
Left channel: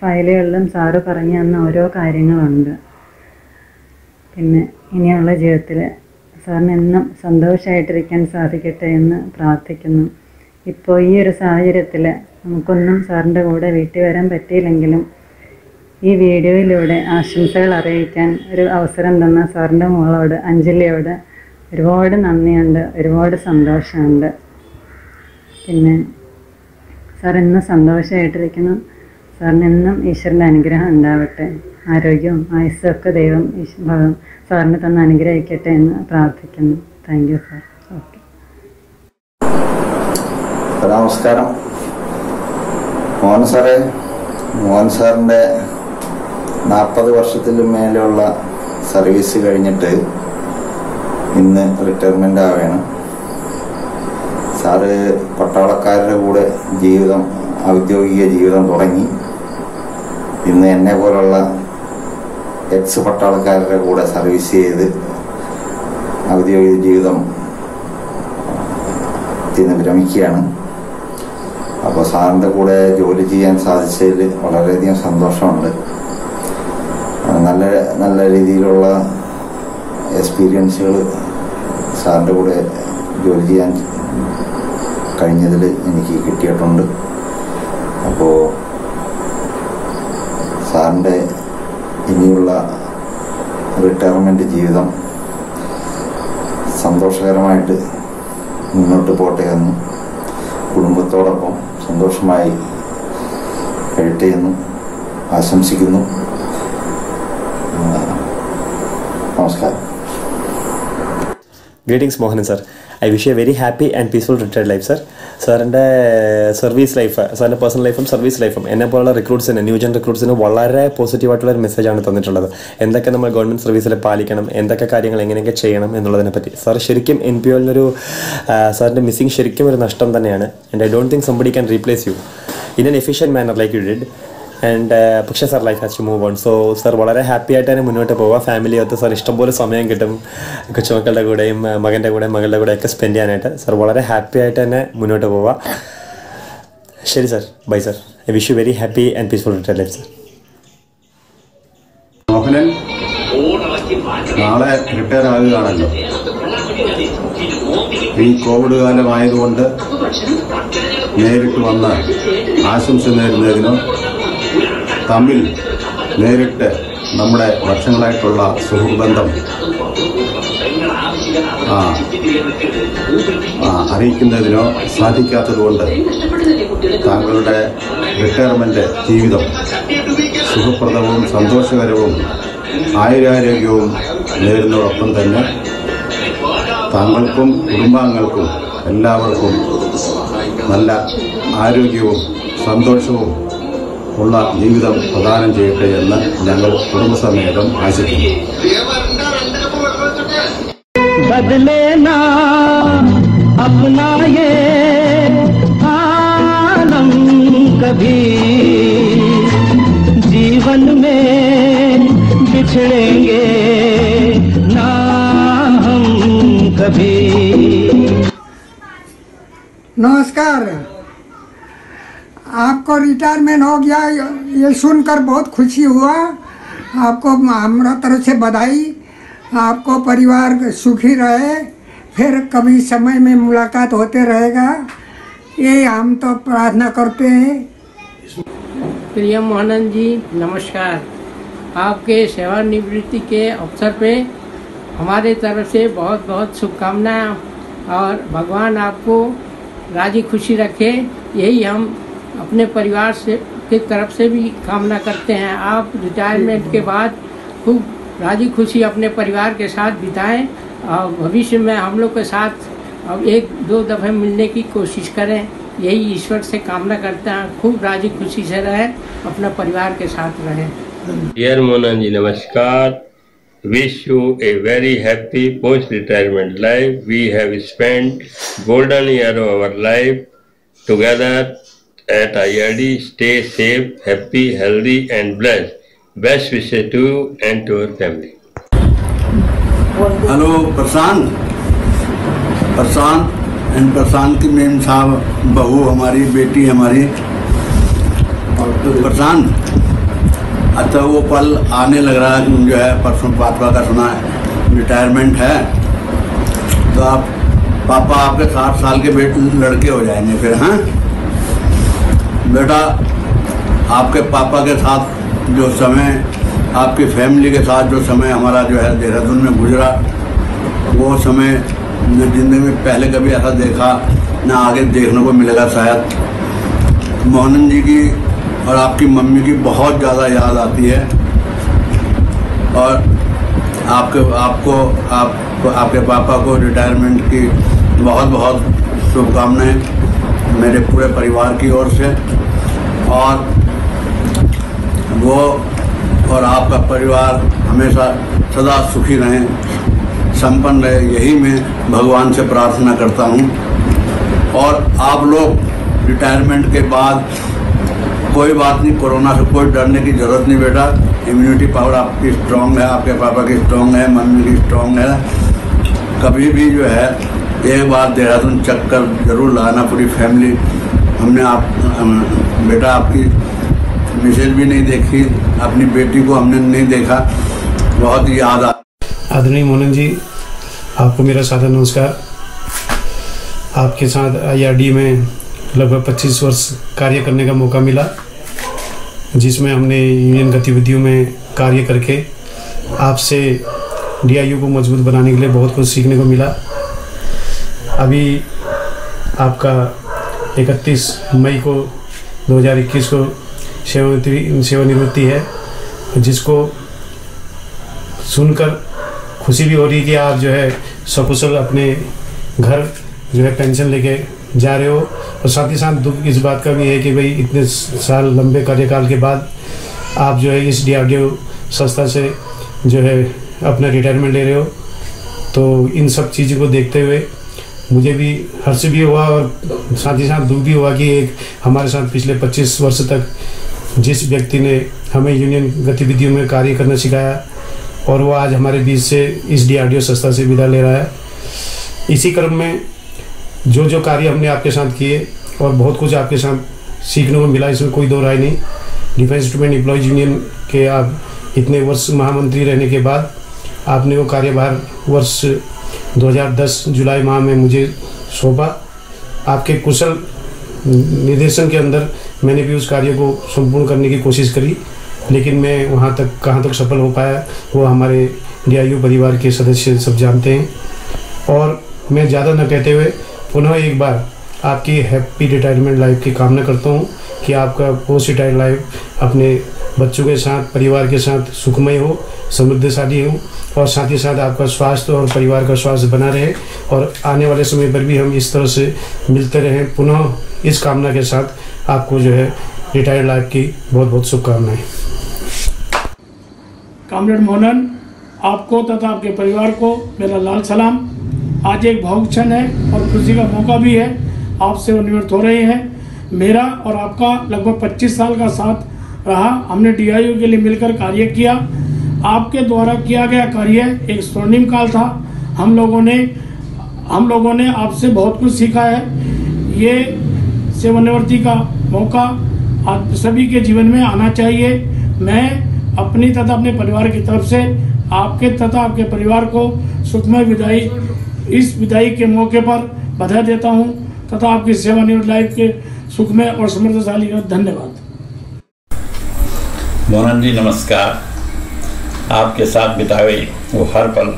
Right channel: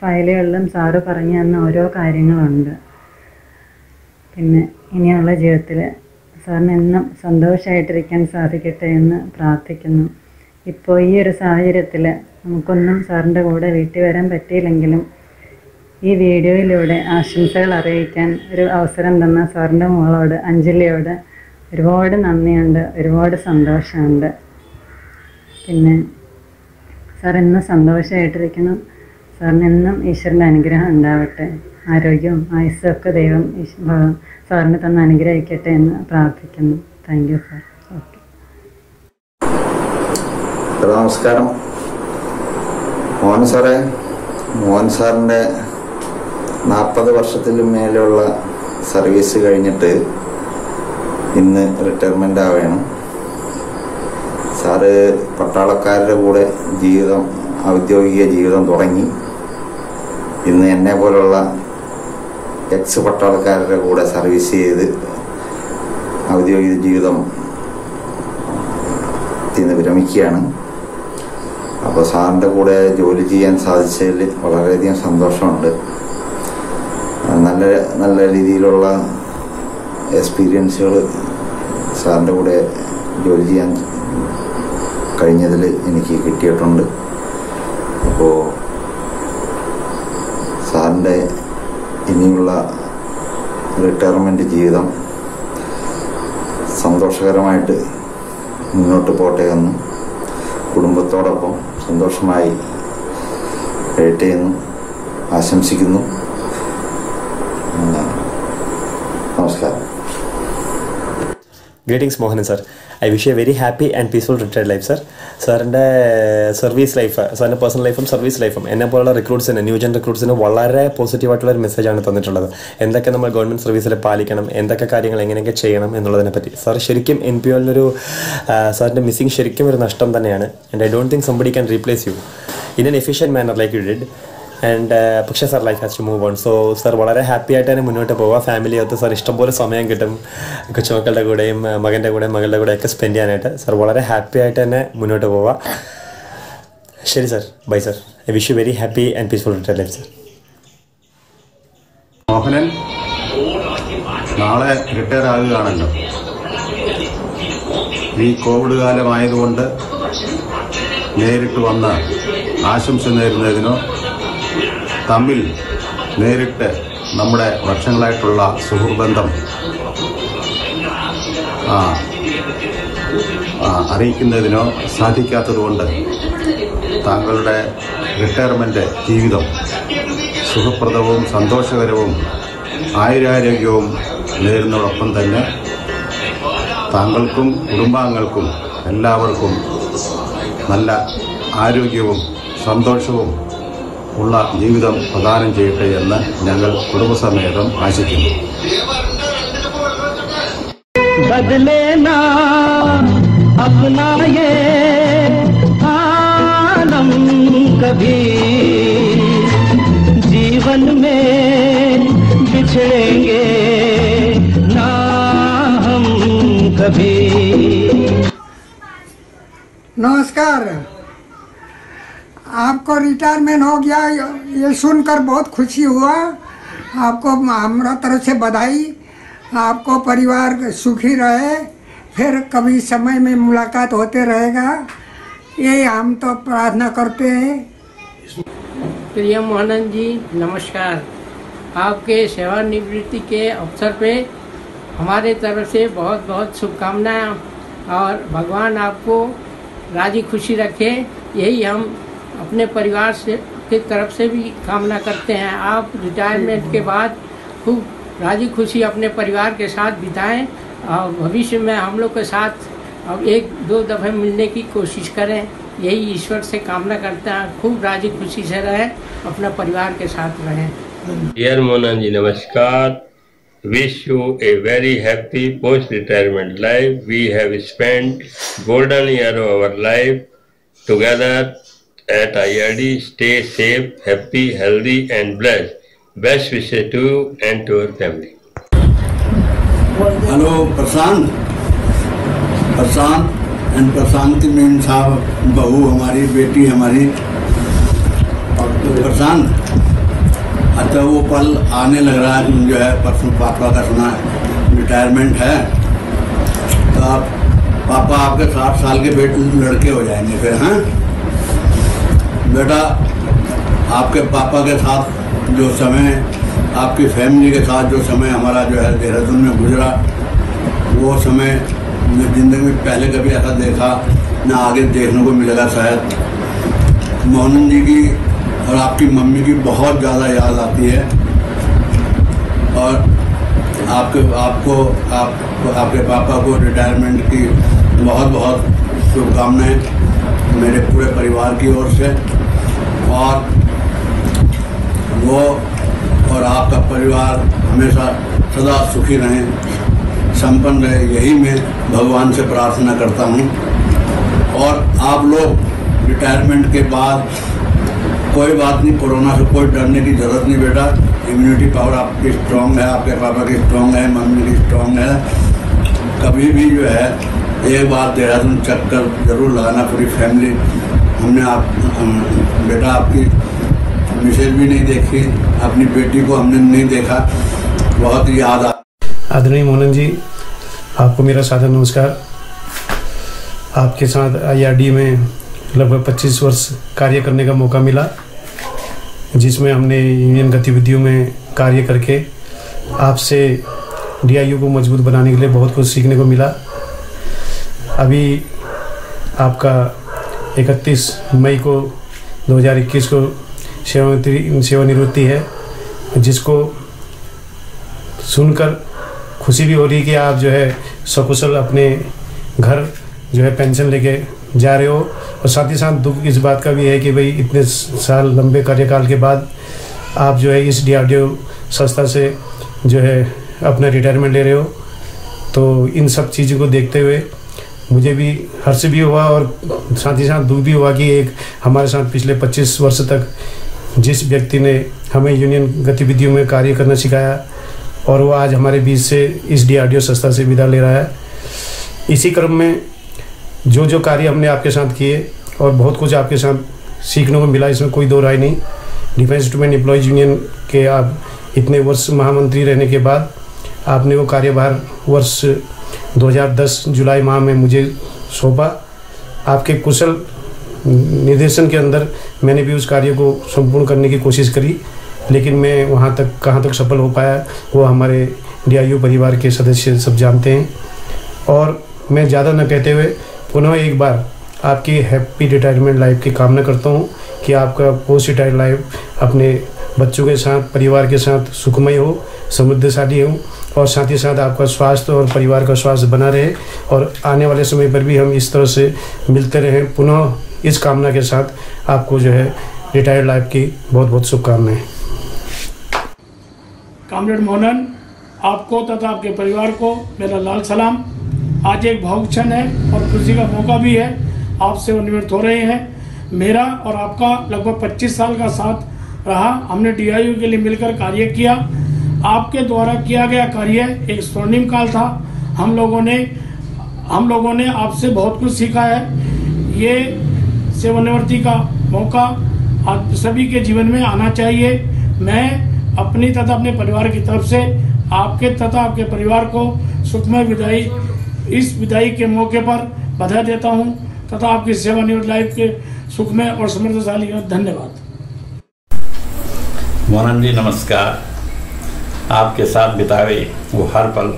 ഫയലുകളിലും സാറ് പറഞ്ഞു തന്ന ഓരോ കാര്യങ്ങളുണ്ട്. പിന്നെ ഇനിയുള്ള ജീവിതത്തിൽ സാറിന് എന്നും സന്തോഷമായിട്ടിരിക്കാൻ സാധിക്കട്ടെ എന്ന് പ്രാർത്ഥിക്കുന്നു. ഇപ്പോൾ ഈ ഒരു സാഹചര്യത്തിൽ നമുക്കൊന്നും സാറിൻ്റെ കൂടെ വീട്ടിൽ വരാൻ പറ്റിയില്ലെങ്കിലും ഈ വീഡിയോയിലൂടെ ആശംസകൾ അറിയിക്കാൻ ഒരു അവസരം തന്ന സാറിൻ്റെ മോളോട് അഞ്ജലിയോട് ഒരുപാട് നന്ദിയുണ്ട്, ഒരുപാട് സന്തോഷമുണ്ട്. പിന്നെ സാർ എന്നും സന്തോഷമായിട്ടിരിക്കണം. സാറിന് എന്നും ഈശ്വരൻ്റെ അനുഗ്രഹം ഉണ്ടാവട്ടെ. ആരോഗ്യവും ആയുസ്സും ഒക്കെ ദൈവം സാറിന് തന്ന് അനുഗ്രഹിക്കട്ടെ എന്ന് പ്രാർത്ഥിക്കുന്നു. Thank you sir. ഓക്കെ. നമസ്കാരം. മോഹൻ സാറേ, മോഹൻ സാറിൻ്റെ 40 വർഷത്തിലും മേലെയുള്ള സർവീസ് കഴിഞ്ഞിട്ട് ഇന്ന് റിട്ടയർമെൻ്റ് ആവുകയാണ്. സാറ് പട്ടാളക്കാരുടെ കൂടെ ഔദ്യോഗിക ജീവിതം തുടങ്ങി. ഇന്ന് എന്നെ പോലുള്ള എക്സ് പട്ടാളക്കാരുടെ കൂടെ സർവീസ് ചെയ്ത് ഔദ്യോഗിക ജീവിതം വിരമിക്കുകയാണ്. അപ്പോൾ സാറിൻ്റെ കൂടെ ജോലി ചെയ്യാൻ സാധിച്ചതിൽ വളരെയധികം സന്തോഷമുണ്ട്. നല്ല രീതിയിലുള്ള എക്സ്പീരിയൻസുകൾ സാറിൻ്റെ കൂടെ ജോലി ചെയ്യാൻ കഴിഞ്ഞതിൽ എനിക്ക് കിട്ടിയിട്ടുണ്ട്. അപ്പോൾ സാറിൻ്റെ ഇനിയുള്ള റിട്ടയർമെൻറ്റ് ജീവിതം സന്തോഷകരമായിട്ട് മുന്നോട്ട് പോട്ടെ എന്ന് കുടുംബത്തോടൊപ്പം സന്തോഷമായി കഴിയട്ടെ എന്ന് ആശംസിക്കുന്നു. നമസ്കാരം. Greetings Mohanan sir. I wish you a very happy and peaceful retired life sir. സാറിൻ്റെ സർവീസ് ലൈഫ്, സാറിൻ്റെ പേഴ്സണൽ ലൈഫും സർവീസ് ലൈഫും എന്നെ പോലുള്ള റിക്രൂട്ട്സിന്, ന്യൂജൻ റിക്രൂട്ട്സിന് വളരെ പോസിറ്റീവായിട്ടുള്ളൊരു മെസ്സേജാണ് തന്നിട്ടുള്ളത്. എന്തൊക്കെ നമ്മൾ ഗവൺമെൻറ് സർവീസിൽ പാലിക്കണം, എന്തൊക്കെ കാര്യങ്ങൾ എങ്ങനെയൊക്കെ ചെയ്യണം എന്നുള്ളതിനെ പറ്റി. സാർ ശരിക്കും NPOയിലൊരു സാറിൻ്റെ മിസ്സിങ് ശരിക്കും ഒരു നഷ്ടം തന്നെയാണ്. And I don't think somebody can replace you in an efficient manner like you did. And പക്ഷേ sir life has to move on. So sir വളരെ ഹാപ്പി ആയിട്ട് തന്നെ മുന്നോട്ട് പോവുക. ഫാമിലിയൊത്ത് സാർ ഇഷ്ടംപോലെ സമയം കിട്ടും കൊച്ചുമക്കളുടെ കൂടെയും മകൻ്റെ കൂടെ മകളുടെ കൂടെ ഒക്കെ സ്പെൻഡ് ചെയ്യാനായിട്ട്. സാർ വളരെ ഹാപ്പി ആയിട്ട് തന്നെ മുന്നോട്ട് പോവുക. ശരി sir, bye sir. I wish you very happy and peaceful retired life sir. Mohanan നാളെ റിട്ടയർ ആകുകയാണല്ലോ. ഈ കോവിഡ് കാലമായതുകൊണ്ട് നേരിട്ട് വന്ന് ആശംസ നേരുന്നതിനോ തമ്മിൽ നേരിട്ട് നമ്മുടെ വർഷങ്ങളായിട്ടുള്ള സുഹൃത്ബന്ധം അറിയിക്കുന്നതിനോ സാധിക്കാത്തതുകൊണ്ട് താങ്കളുടെ റിട്ടയർമെന്റ് ജീവിതം സുഖപ്രദവും സന്തോഷകരവും ആയുരാരോഗ്യവും നേരുന്നതോടൊപ്പം തന്നെ താങ്കൾക്കും കുടുംബാംഗങ്ങൾക്കും എല്ലാവർക്കും നല്ല ആരോഗ്യവും സന്തോഷവും ഉള്ള ജീവിതം പ്രദാനം ചെയ്യട്ടെ എന്ന് ഞങ്ങൾ കുടുംബസമേതം ആശിക്കുന്നു. बदलेना अपना ये आलम कभी, जीवन में बिछड़ेंगे ना हम कभी. नमस्कार. आपको रिटायरमेंट हो गया ये सुनकर बहुत खुशी हुआ. आपको हमारा तरफ से बधाई. आपको परिवार सुखी रहे. फिर कभी समय में मुलाकात होते रहेगा, ये हम तो प्रार्थना करते हैं. प्रिय मोहनन जी नमस्कार. आपके सेवानिवृत्ति के अवसर पे हमारे तरफ से बहुत बहुत शुभकामनाएं और भगवान आपको राजी खुशी रखे, यही हम अपने परिवार से की तरफ से भी कामना करते हैं. आप रिटायरमेंट के बाद खूब राजी खुशी अपने परिवार के साथ बिताएं और भविष्य में हम लोग के साथ अब 1-2 दफ़े मिलने की कोशिश करें, यही ईश्वर से कामना करते हैं. खूब राजी खुशी से रहें, अपना परिवार के साथ रहें. डियर मोहनन जी नमस्कार. Wish you a very happy post-retirement life. We have spent golden year of our life together at IRD. Stay safe, happy, healthy and blessed. Best wishes to you and to your family. Hello Prashant and Prashant की मेम साहब, बहू हमारी, बेटी हमारी. प्रशांत अच्छा वो पल आने लग रहा है कि जो है परसों पापा का सुना रिटायरमेंट है, तो आप पापा आपके 60 साल के लड़के हो जाएंगे फिर। हाँ बेटा, आपके पापा के साथ जो समय, आपकी फैमिली के साथ जो समय हमारा जो है देहरादून में गुजरा, वो समय जो जिंदगी में पहले कभी ऐसा देखा न आगे देखने को मिलेगा शायद। मोहन जी की और आपकी मम्मी की बहुत ज़्यादा याद आती है, और आपके पापा को रिटायरमेंट की बहुत बहुत शुभकामनाएं मेरे पूरे परिवार की ओर से। और वो और आपका परिवार हमेशा सदा सुखी रहें, संपन्न रहे, यही मैं भगवान से प्रार्थना करता हूँ। और आप लोग रिटायरमेंट के बाद कोई बात नहीं, कोरोना से कोई डरने की जरूरत नहीं बेटा। इम्यूनिटी पावर आपकी स्ट्रांग है, आपके पापा की स्ट्रांग है, मम्मी की स्ट्रांग है। कभी भी जो है एक बार देहरादून चक्कर जरूर लगाना पूरी फैमिली। बेटा आपकी मिसेज भी नहीं देखी, अपनी बेटी को हमने नहीं देखा, बहुत याद आ। आदरणीय मोहन जी, आपको मेरा सादर नमस्कार। आपके साथ IRD में लगभग 25 वर्ष कार्य करने का मौका मिला, जिसमें हमने यूनियन गतिविधियों में कार्य करके आपसे DIU को मजबूत बनाने के लिए बहुत कुछ सीखने को मिला। अभी आपका 31 मई को 2021 को सेवानिवृत्ति है, जिसको सुनकर खुशी भी हो रही है कि आप जो है सकुशल अपने घर जो है पेंशन लेके जा रहे हो। और साथ ही साथ दुख इस बात का भी है कि भाई इतने साल लंबे कार्यकाल के बाद आप जो है इस DRDO संस्था से जो है अपना रिटायरमेंट ले रहे हो। तो इन सब चीज़ों को देखते हुए मुझे भी हर्ष भी हुआ और साथ ही साथ दुख भी हुआ कि एक हमारे साथ पिछले 25 वर्ष तक जिस व्यक्ति ने हमें यूनियन गतिविधियों में कार्य करना सिखाया, और वो आज हमारे बीच से इस DRDO संस्था से विदा ले रहा है। इसी क्रम में जो जो कार्य हमने आपके साथ किए और बहुत कुछ आपके साथ सीखने को मिला, इसमें कोई दो राय नहीं। डिफेंस इंस्ट्रूमेंट एम्प्लॉयज यूनियन के आप इतने वर्ष महामंत्री रहने के बाद आपने वो कार्यभार वर्ष 2010 जुलाई माह में मुझे सौंपा। आपके कुशल निर्देशन के अंदर मैंने भी उस कार्य को संपूर्ण करने की कोशिश करी, लेकिन मैं वहाँ तक कहाँ तक सफल हो पाया वो हमारे DIU परिवार के सदस्य सब जानते हैं। और मैं ज़्यादा न कहते हुए पुनः एक बार आपकी हैप्पी रिटायरमेंट लाइफ की कामना करता हूँ कि आपका पोस्ट रिटायर लाइफ अपने बच्चों के साथ, परिवार के साथ सुखमय हो, समृद्धशाली हो, और साथ ही साथ आपका स्वास्थ्य और परिवार का स्वास्थ्य बना रहे, और आने वाले समय पर भी हम इस तरह से मिलते रहें। पुनः इस कामना के साथ आपको जो है रिटायर्ड लाइफ की बहुत बहुत शुभकामनाएं। कामरेड मोहनन, आपको तथा आपके परिवार को मेरा लाल सलाम। आज एक भावुक क्षण है और खुशी का मौका भी है, आपसे सेवानिवृत्त हो रहे हैं। मेरा और आपका लगभग 25 साल का साथ रहा, हमने DIU के लिए मिलकर कार्य किया। आपके द्वारा किया गया कार्य एक स्वर्णिम काल था। हम लोगों ने आपसे बहुत कुछ सीखा है। ये सेवानिवृत्ति का मौका आप सभी के जीवन में आना चाहिए। मैं अपनी तथा अपने परिवार की तरफ से आपके तथा आपके परिवार को सुखमय विदाई, इस विदाई के मौके पर बधाई देता हूं तथा आपकी सेवानिवृत्त लाइफ के सुखमय और समृद्धशाली हो। धन्यवाद। मोहन जी नमस्कार। आपके साथ बिताए वो हर पल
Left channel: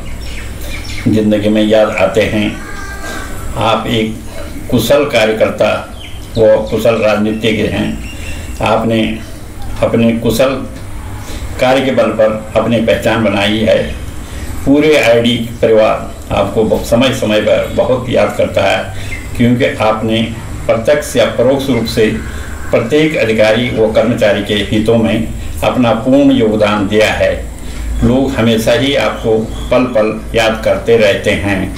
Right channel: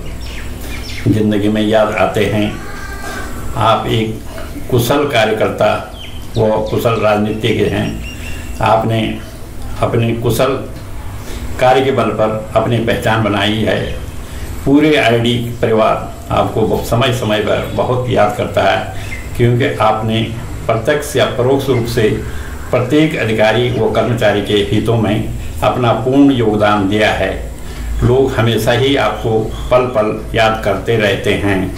जिंदगी में याद आते हैं। आप एक कुशल कार्यकर्ता व कुशल राजनीतिज्ञ हैं। आपने अपने कुशल कार्य के बल पर अपनी पहचान बनाई है। पूरे IRD परिवार आपको समय समय पर बहुत याद करता है, क्योंकि आपने प्रत्यक्ष या परोक्ष रूप से प्रत्येक अधिकारी व कर्मचारी के हितों में अपना पूर्ण योगदान दिया है। लोग हमेशा ही आपको पल पल याद करते रहते हैं।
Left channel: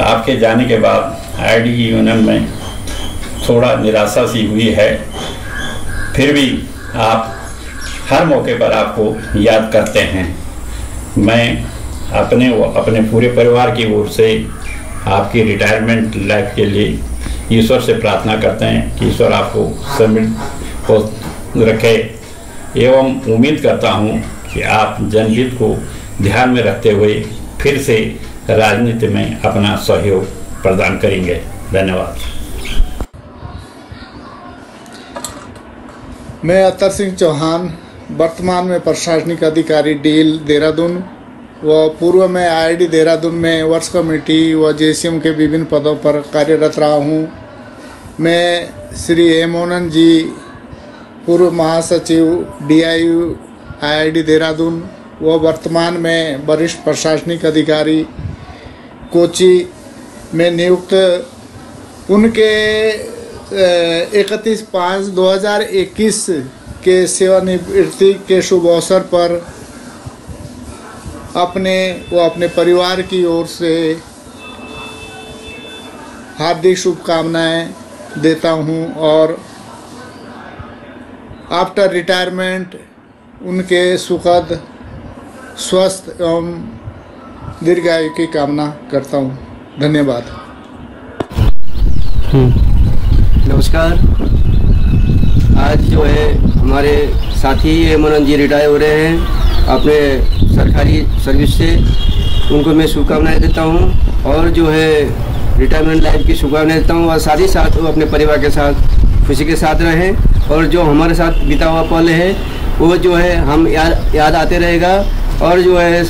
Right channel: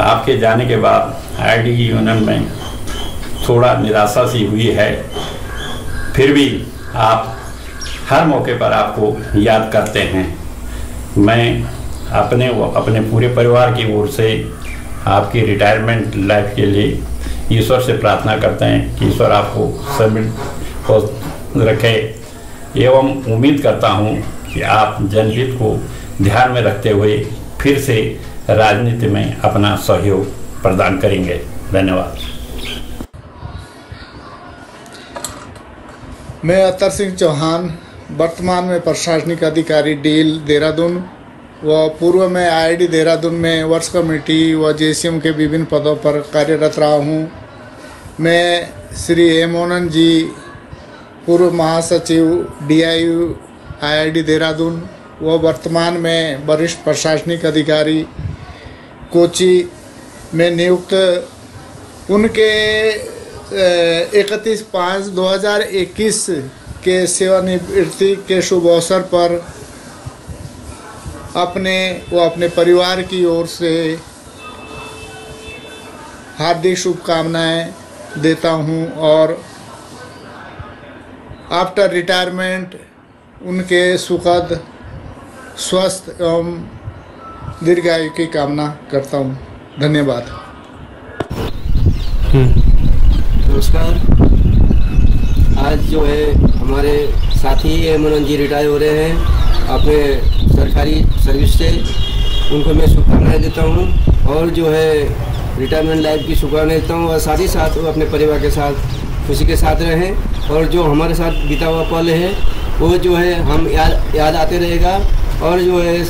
आपके जाने के बाद IRD यूनियन में थोड़ा निराशा सी हुई है, फिर भी आप हर मौके पर आपको याद करते हैं। मैं अपने व अपने पूरे परिवार की ओर से आपकी रिटायरमेंट लाइफ के लिए ईश्वर से प्रार्थना करते हैं कि ईश्वर आपको समृद्ध रखे एवं उम्मीद करता हूं कि आप जनहित को ध्यान में रखते हुए फिर से राजनीति में अपना सहयोग प्रदान करेंगे। धन्यवाद। मैं अतर सिंह चौहान, वर्तमान में प्रशासनिक अधिकारी डील देहरादून व पूर्व में IID देहरादून में वर्ष कमेटी व JCM के विभिन्न पदों पर कार्यरत रहा हूँ। मैं श्री हेमोनन जी, पूर्व महासचिव DIU IID देहरादून व वर्तमान में वरिष्ठ प्रशासनिक अधिकारी कोची में नियुक्त उनके 31/5/2021 के सेवानिवृत्ति के शुभ अवसर पर अपने परिवार की ओर से हार्दिक शुभकामनाएं देता हूं और आफ्टर रिटायरमेंट उनके सुखद स्वस्थ एवं दीर्घायु की कामना करता हूं। धन्यवाद। नमस्कार। आज जो है हमारे साथी हेमोनन जी रिटायर हो रहे हैं अपने सरकारी सर्विस से, उनको मैं शुभकामनाएं देता हूं और जो है रिटायरमेंट लाइफ की शुभकामनाएं देता हूं और साथ ही साथ वो अपने परिवार के साथ खुशी के साथ रहें और जो हमारे साथ बीता हुआ पल है वो जो है हम याद आते रहेगा और जो है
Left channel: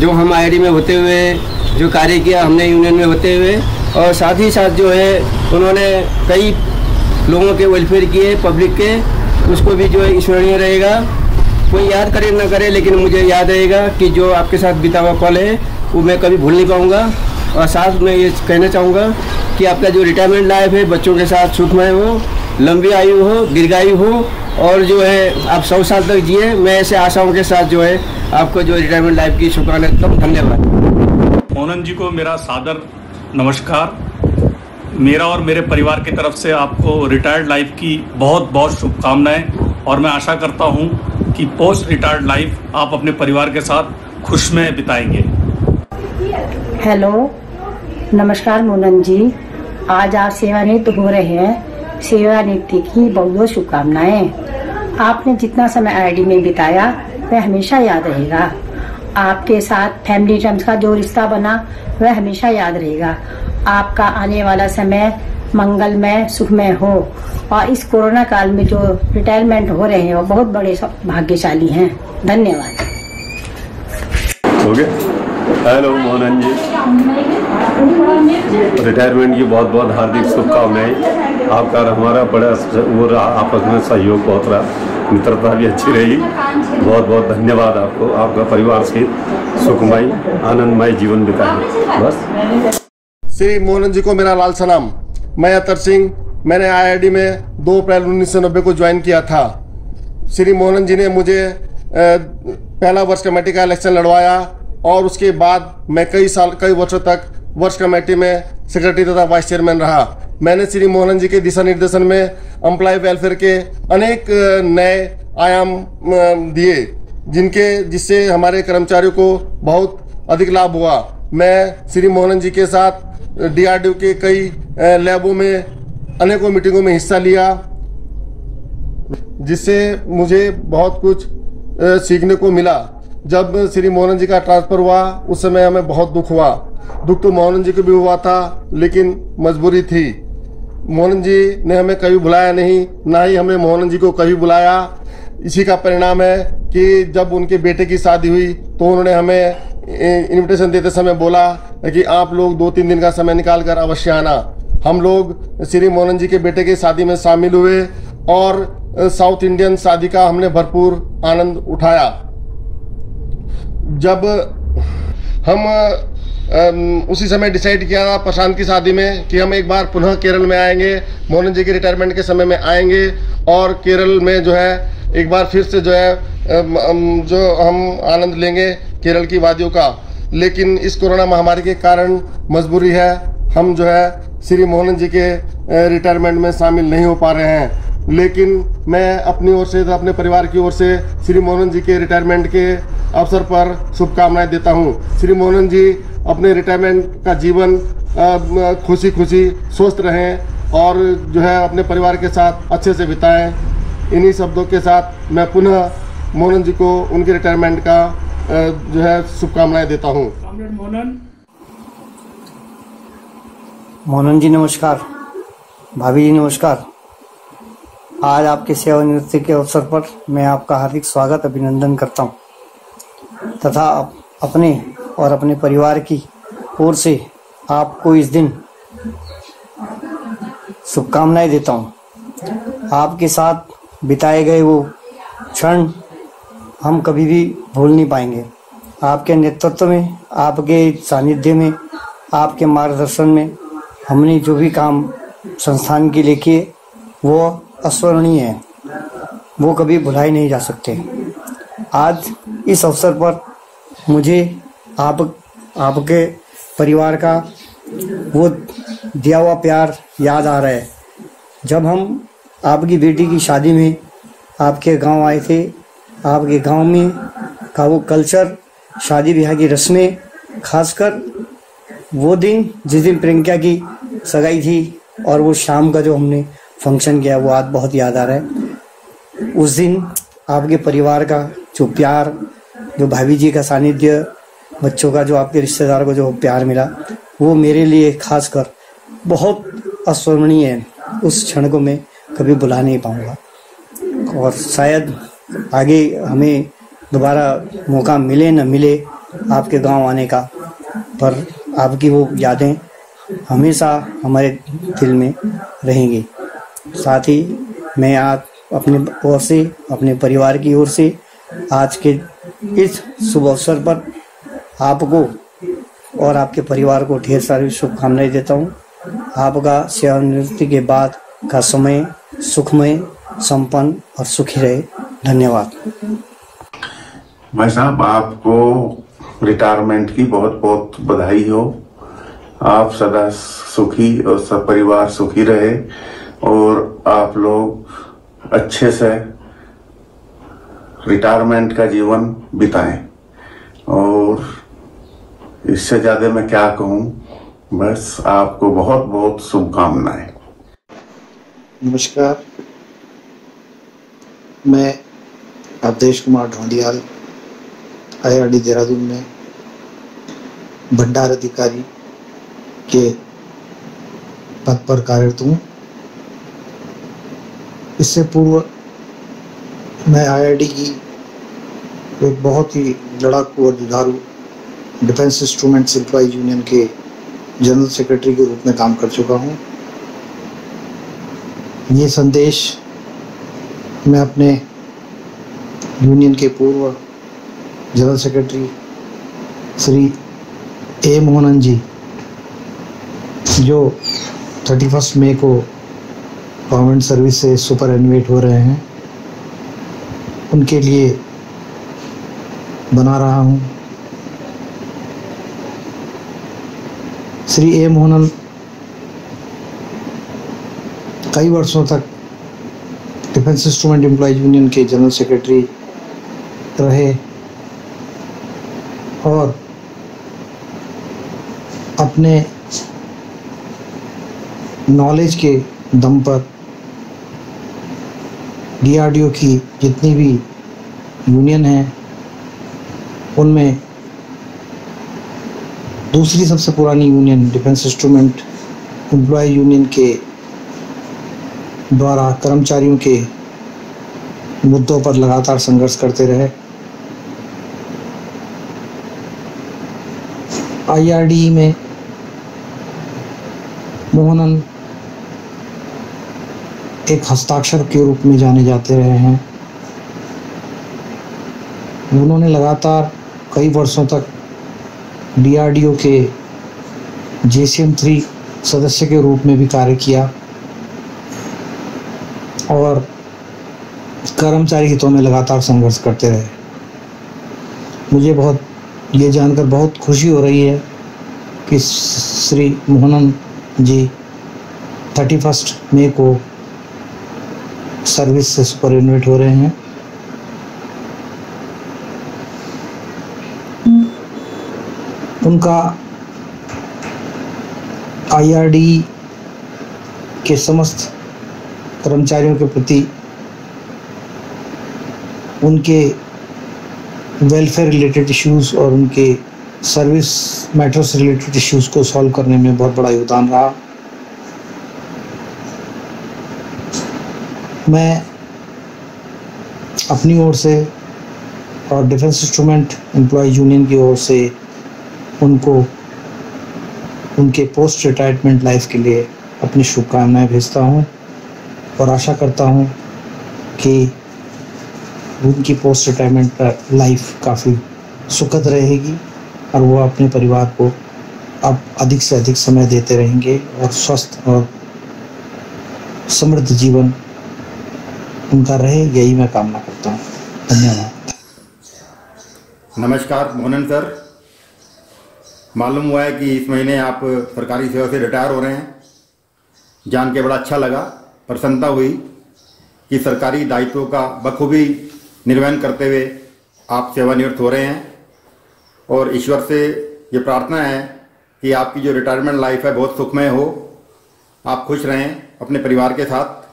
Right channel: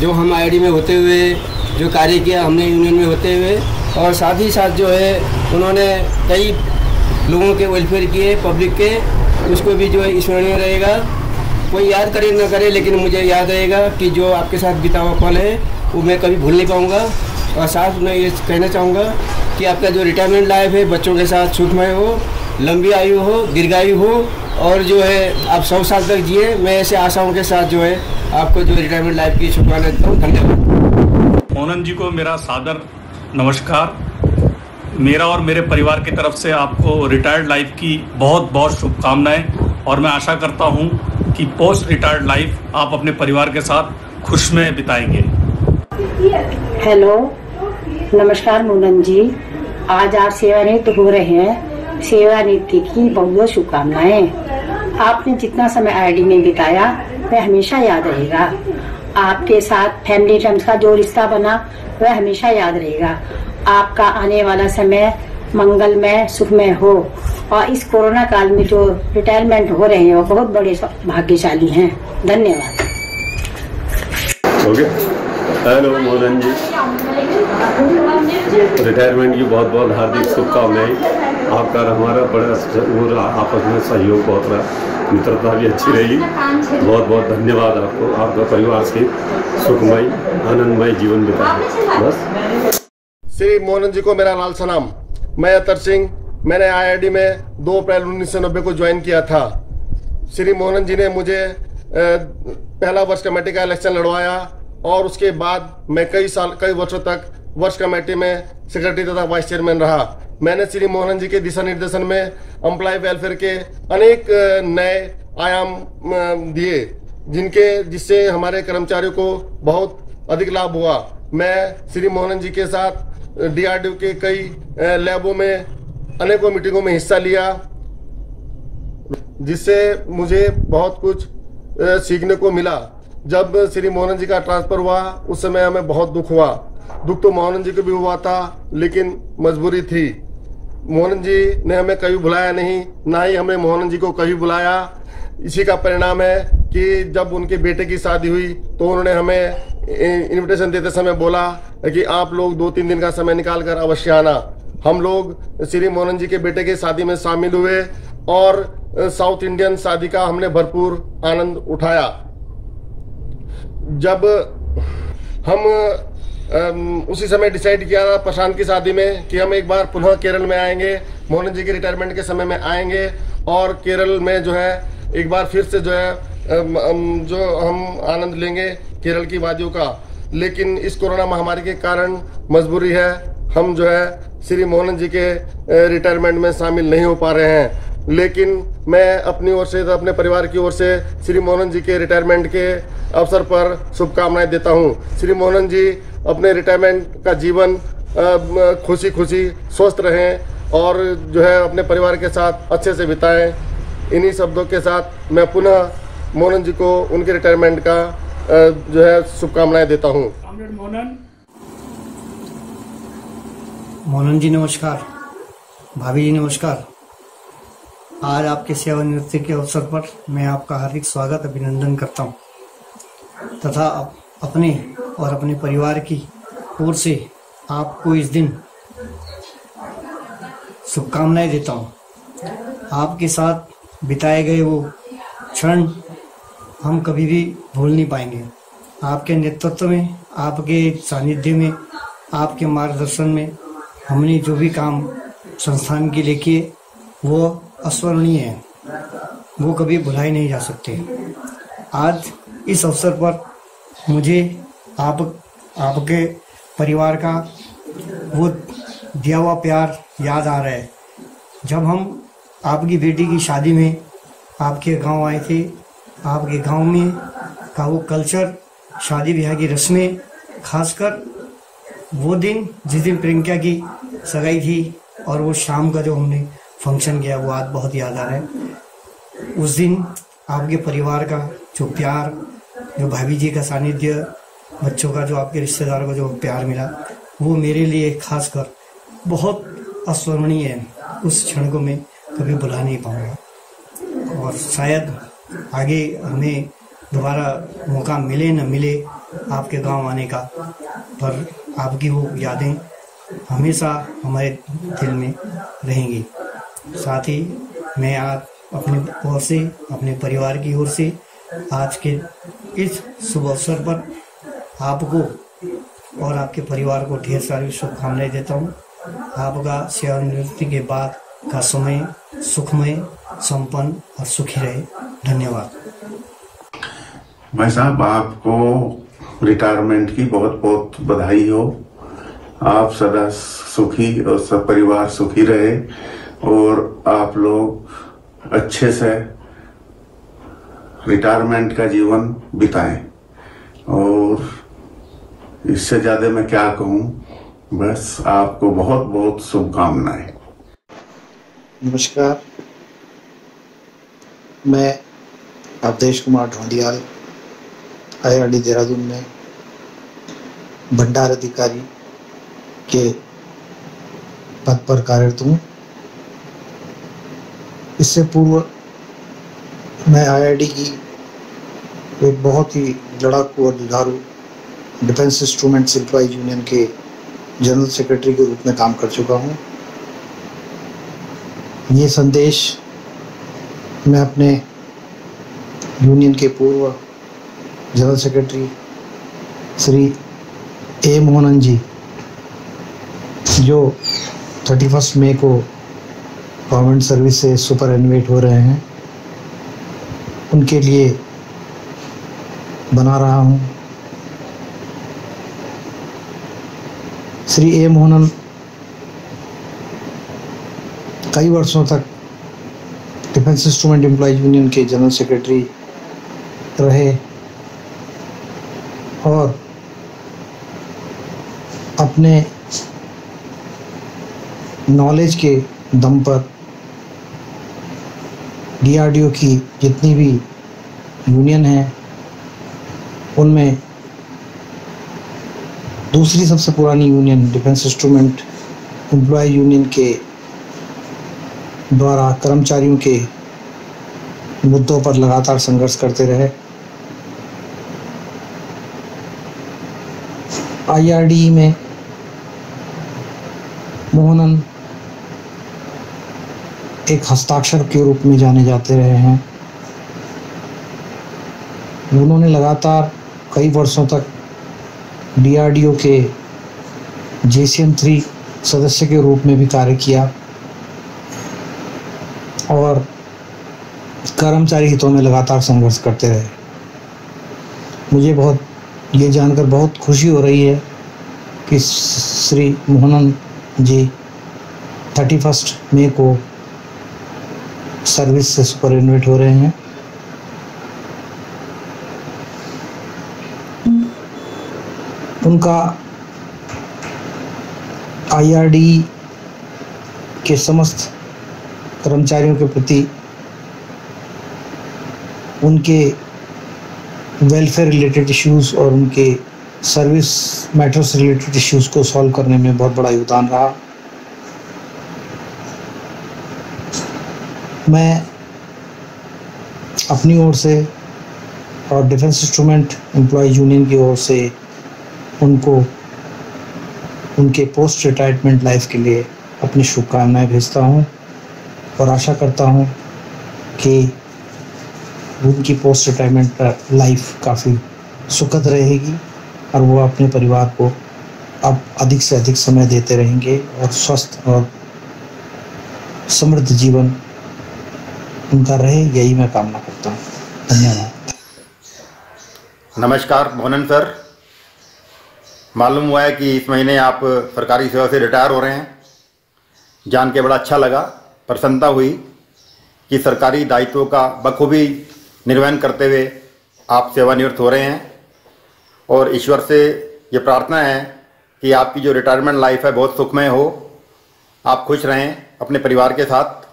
जो हम IID में होते हुए जो कार्य किया हमने यूनियन में होते हुए और साथ ही साथ जो है उन्होंने कई लोगों के वेलफेयर किए पब्लिक के, उसको भी जो है स्मरणीय रहेगा। कोई याद करे ना करे लेकिन मुझे याद रहेगा कि जो आपके साथ बीता हुआ पल है वो मैं कभी भूल नहीं पाऊँगा। और साथ में ये कहना चाहूँगा कि आपका जो रिटायरमेंट लाइफ है बच्चों के साथ सुखमय हो, लंबी आयु हो, दीर्घायु हो और जो है आप 100 साल तक जिए। मैं ऐसे आशाओं के साथ जो है आपको जो रिटायरमेंट लाइफ की शुभकामनाएं देता हूँ। धन्यवाद। मोहनन जी को मेरा सादर नमस्कार। मेरा और मेरे परिवार की तरफ से आपको रिटायर्ड लाइफ की बहुत बहुत शुभकामनाएं और मैं आशा करता हूं कि पोस्ट रिटायर्ड लाइफ आप अपने परिवार के साथ खुशमय बिताएंगे। हेलो, नमस्कार मोहनन जी। आज आप सेवानिवृत्त हो रहे हैं, सेवानिवृत्ति की बहुत बहुत शुभकामनाएं। आपने जितना समय IID में बिताया वह हमेशा याद रहेगा। आपके साथ फैमिली टर्म्स का जो रिश्ता बना वह हमेशा याद रहेगा। आपका आने वाला समय मंगलमय सुखमय हो और इस कोरोना काल में जो रिटायरमेंट हो रहे हो बहुत बड़े भाग्यशाली हैं। धन्यवाद। हेलो मोहनन जी, रिटायरमेंट की बहुत बहुत हार्दिक शुभकामनाएं। आपका हमारा बड़ा वो रहा, आपस में सहयोग बहुत रहा, मित्रता भी अच्छी रही। बहुत बहुत धन्यवाद आपको, आपका परिवार से सुखमय आनंदमय जीवन बिताए। बस। श्री मोहनन जी को मेरा लाल सलाम। मैं अतर सिंह, मैंने IID में 2 अप्रैल 1990 को ज्वाइन किया था। श्री मोहनन जी ने मुझे पहला वर्ष कमेटी का इलेक्शन लड़वाया और उसके बाद मैं कई वर्षों तक वर्ष कमेटी में सेक्रेटरी तथा वाइस चेयरमैन रहा। मैंने श्री मोहनन जी के दिशा निर्देशन में एम्प्लॉय वेलफेयर के अनेक नए आयाम दिए जिससे हमारे कर्मचारियों को बहुत अधिक लाभ हुआ। मैं श्री मोहनन जी के साथ DRDO के कई लैबों में अनेकों मीटिंगों में हिस्सा लिया, जिससे मुझे बहुत कुछ सीखने को मिला। जब श्री मोहनन जी का ट्रांसफर हुआ उस समय हमें बहुत दुख हुआ। दुख तो मोहनन जी को भी हुआ था लेकिन मजबूरी थी। मोहनन जी ने हमें कभी बुलाया नहीं, ना ही हमने मोहनन जी को कभी बुलाया। इसी का परिणाम है कि जब उनके बेटे की शादी हुई तो उन्होंने हमें इनविटेशन देते समय बोला कि आप लोग 2-3 दिन का समय निकाल कर अवश्य आना। हम लोग श्री मोहनन जी के बेटे की शादी में शामिल हुए और साउथ इंडियन शादी का हमने भरपूर आनंद उठाया। जब हम उसी समय डिसाइड किया था प्रशांत की शादी में कि हम एक बार पुनः केरल में आएंगे, मोहनन जी के रिटायरमेंट के समय में आएंगे और केरल में जो है एक बार फिर से जो है जो हम आनंद लेंगे केरल की वादियों का। लेकिन इस कोरोना महामारी के कारण मजबूरी है, हम जो है श्री मोहनन जी के रिटायरमेंट में शामिल नहीं हो पा रहे हैं। लेकिन मैं अपनी ओर से, अपने परिवार की ओर से श्री मोहनन जी के रिटायरमेंट के अवसर पर शुभकामनाएं देता हूं। श्री मोहनन जी अपने रिटायरमेंट का जीवन खुशी खुशी स्वस्थ रहें और जो है अपने परिवार के साथ अच्छे से बिताएं। इन्हीं शब्दों के साथ मैं पुनः मोहन जी को उनके रिटायरमेंट का जो है शुभकामनाएं देता हूँ। मोहन जी नमस्कार, भाभी जी नमस्कार। आज आपके सेवानिवृत्ति के अवसर पर मैं आपका हार्दिक स्वागत अभिनंदन करता हूं तथा अपने और अपने परिवार की ओर से आपको इस दिन शुभकामनाएं देता हूं। आपके साथ बिताए गए वो क्षण हम कभी भी भूल नहीं पाएंगे। आपके नेतृत्व में, आपके सानिध्य में, आपके मार्गदर्शन में हमने जो भी काम संस्थान के लिए किए वो अस्मरणीय है, वो कभी भुलाए नहीं जा सकते। आज इस अवसर पर मुझे आपके परिवार का वो दिया हुआ प्यार याद आ रहा है। जब हम आपकी बेटी की शादी में आपके गांव आए थे, आपके गांव में का वो कल्चर, शादी ब्याह की रस्में, खासकर वो दिन जिस दिन प्रियंका की सगाई थी और वो शाम का जो हमने फंक्शन किया, वो आज बहुत याद आ रहा है। उस दिन आपके परिवार का जो प्यार, जो भाभी जी का सानिध्य, बच्चों का जो, आपके रिश्तेदार को जो प्यार मिला, वो मेरे लिए खासकर बहुत अस्मरणीय है। उस क्षण को मैं कभी भुला नहीं पाऊंगा और शायद आगे हमें दोबारा मौका मिले न मिले आपके गांव आने का, पर आपकी वो यादें हमेशा हमारे दिल में रहेंगी। साथ ही मैं आज अपने ओर से, अपने परिवार की ओर से आज के इस शुभ अवसर पर आपको और आपके परिवार को ढेर सारी शुभकामनाएं देता हूँ। आपका सेवानिवृत्ति के बाद का समय सुखमय, संपन्न और सुखी रहे। धन्यवाद। भाई साहब, आपको रिटायरमेंट की बहुत बहुत बधाई हो। आप सदा सुखी और सब परिवार सुखी रहे और आप लोग अच्छे से रिटायरमेंट का जीवन बिताएं। और इससे ज्यादा मैं क्या कहूं, बस आपको बहुत बहुत शुभकामनाएं। नमस्कार, मैं अवधेश कुमार ढोंडियाल IRD देहरादून में भंडार अधिकारी के पद पर कार्यरत हूँ। इससे पूर्व मैं IRD की एक बहुत ही लड़ाकू और जुझारू डिफेंस इंस्ट्रूमेंट्स एम्प्लॉय यूनियन के जनरल सेक्रेटरी के रूप में काम कर चुका हूँ। ये संदेश मैं अपने यूनियन के पूर्व general secretary Shri A Mohanan ji, जो 31 मई को गवर्नमेंट सर्विस से सुपर एनुएट हो रहे हैं, उनके लिए बना रहा हूँ। श्री A मोहनन कई वर्षों तक डिफेंस इंस्ट्रूमेंट एम्प्लॉय यूनियन के जनरल सेक्रेटरी रहे और अपने नॉलेज के दम पर DRDO की जितनी भी यूनियन है, उनमें दूसरी सबसे पुरानी union defence instrument employees union के द्वारा कर्मचारियों के मुद्दों पर लगातार संघर्ष करते रहे। IRD में मोहनन एक हस्ताक्षर के रूप में जाने जाते रहे हैं। उन्होंने लगातार कई वर्षों तक DRDO के JCM 3 सदस्य के रूप में भी कार्य किया और कर्मचारी हितों में लगातार संघर्ष करते रहे। मुझे ये जानकर बहुत खुशी हो रही है कि श्री मोहनन जी 31 मई को सर्विस से सुपरएनुएट हो रहे हैं। उनका IRD के समस्त कर्मचारियों के प्रति उनके वेलफेयर रिलेटेड इश्यूज और उनके सर्विस मैटर्स रिलेटेड इश्यूज को सॉल्व करने में बहुत बड़ा योगदान रहा। मैं अपनी ओर से और डिफेंस इंस्ट्रूमेंट एम्प्लॉय यूनियन की ओर से उनको उनके पोस्ट रिटायरमेंट लाइफ के लिए अपनी शुभकामनाएं भेजता हूं और आशा करता हूं कि उनकी पोस्ट रिटायरमेंट लाइफ काफ़ी सुखद रहेगी और वो अपने परिवार को अब अधिक से अधिक समय देते रहेंगे और स्वस्थ और समृद्ध जीवन उनका रहे, यही मैं कामना करता हूँ। धन्यवाद। नमस्कार मोहनन सर, मालूम हुआ है कि इस महीने आप सरकारी सेवा से रिटायर हो रहे हैं। जान के बड़ा अच्छा लगा, प्रसन्नता हुई कि सरकारी दायित्वों का बखूबी निर्वहन करते हुए आप सेवानिवृत्त हो रहे हैं और ईश्वर से ये प्रार्थना है कि आपकी जो रिटायरमेंट लाइफ है बहुत सुखमय हो, आप खुश रहें अपने परिवार के साथ।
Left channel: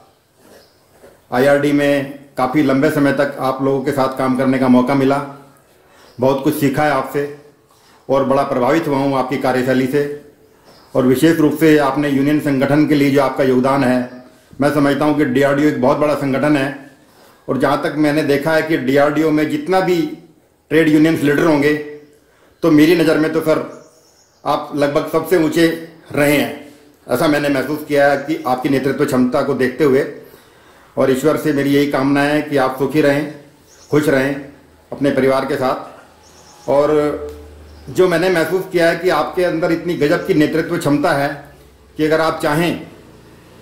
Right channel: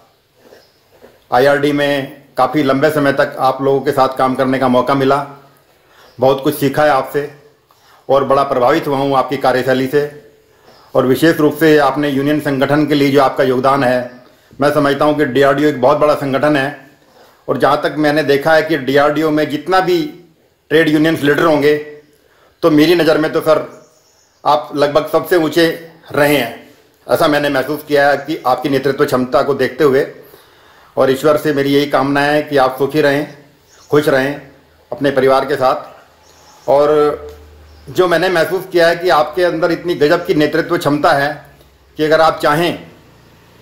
आईआरडी में काफ़ी लंबे समय तक आप लोगों के साथ काम करने का मौका मिला, बहुत कुछ सीखा है आपसे और बड़ा प्रभावित हुआ हूँ आपकी कार्यशैली से। और विशेष रूप से आपने यूनियन संगठन के लिए जो आपका योगदान है, मैं समझता हूँ कि डीआरडीओ एक बहुत बड़ा संगठन है और जहाँ तक मैंने देखा है कि डीआरडीओ में जितना भी ट्रेड यूनियंस लीडर होंगे तो मेरी नज़र में तो सर आप लगभग सबसे ऊंचे रहे हैं, ऐसा मैंने महसूस किया है कि आपकी नेतृत्व क्षमता को देखते हुए। और ईश्वर से मेरी यही कामना है कि आप सुखी रहें, खुश रहें अपने परिवार के साथ। और जो मैंने महसूस किया है कि आपके अंदर इतनी गजब की नेतृत्व क्षमता है कि अगर आप चाहें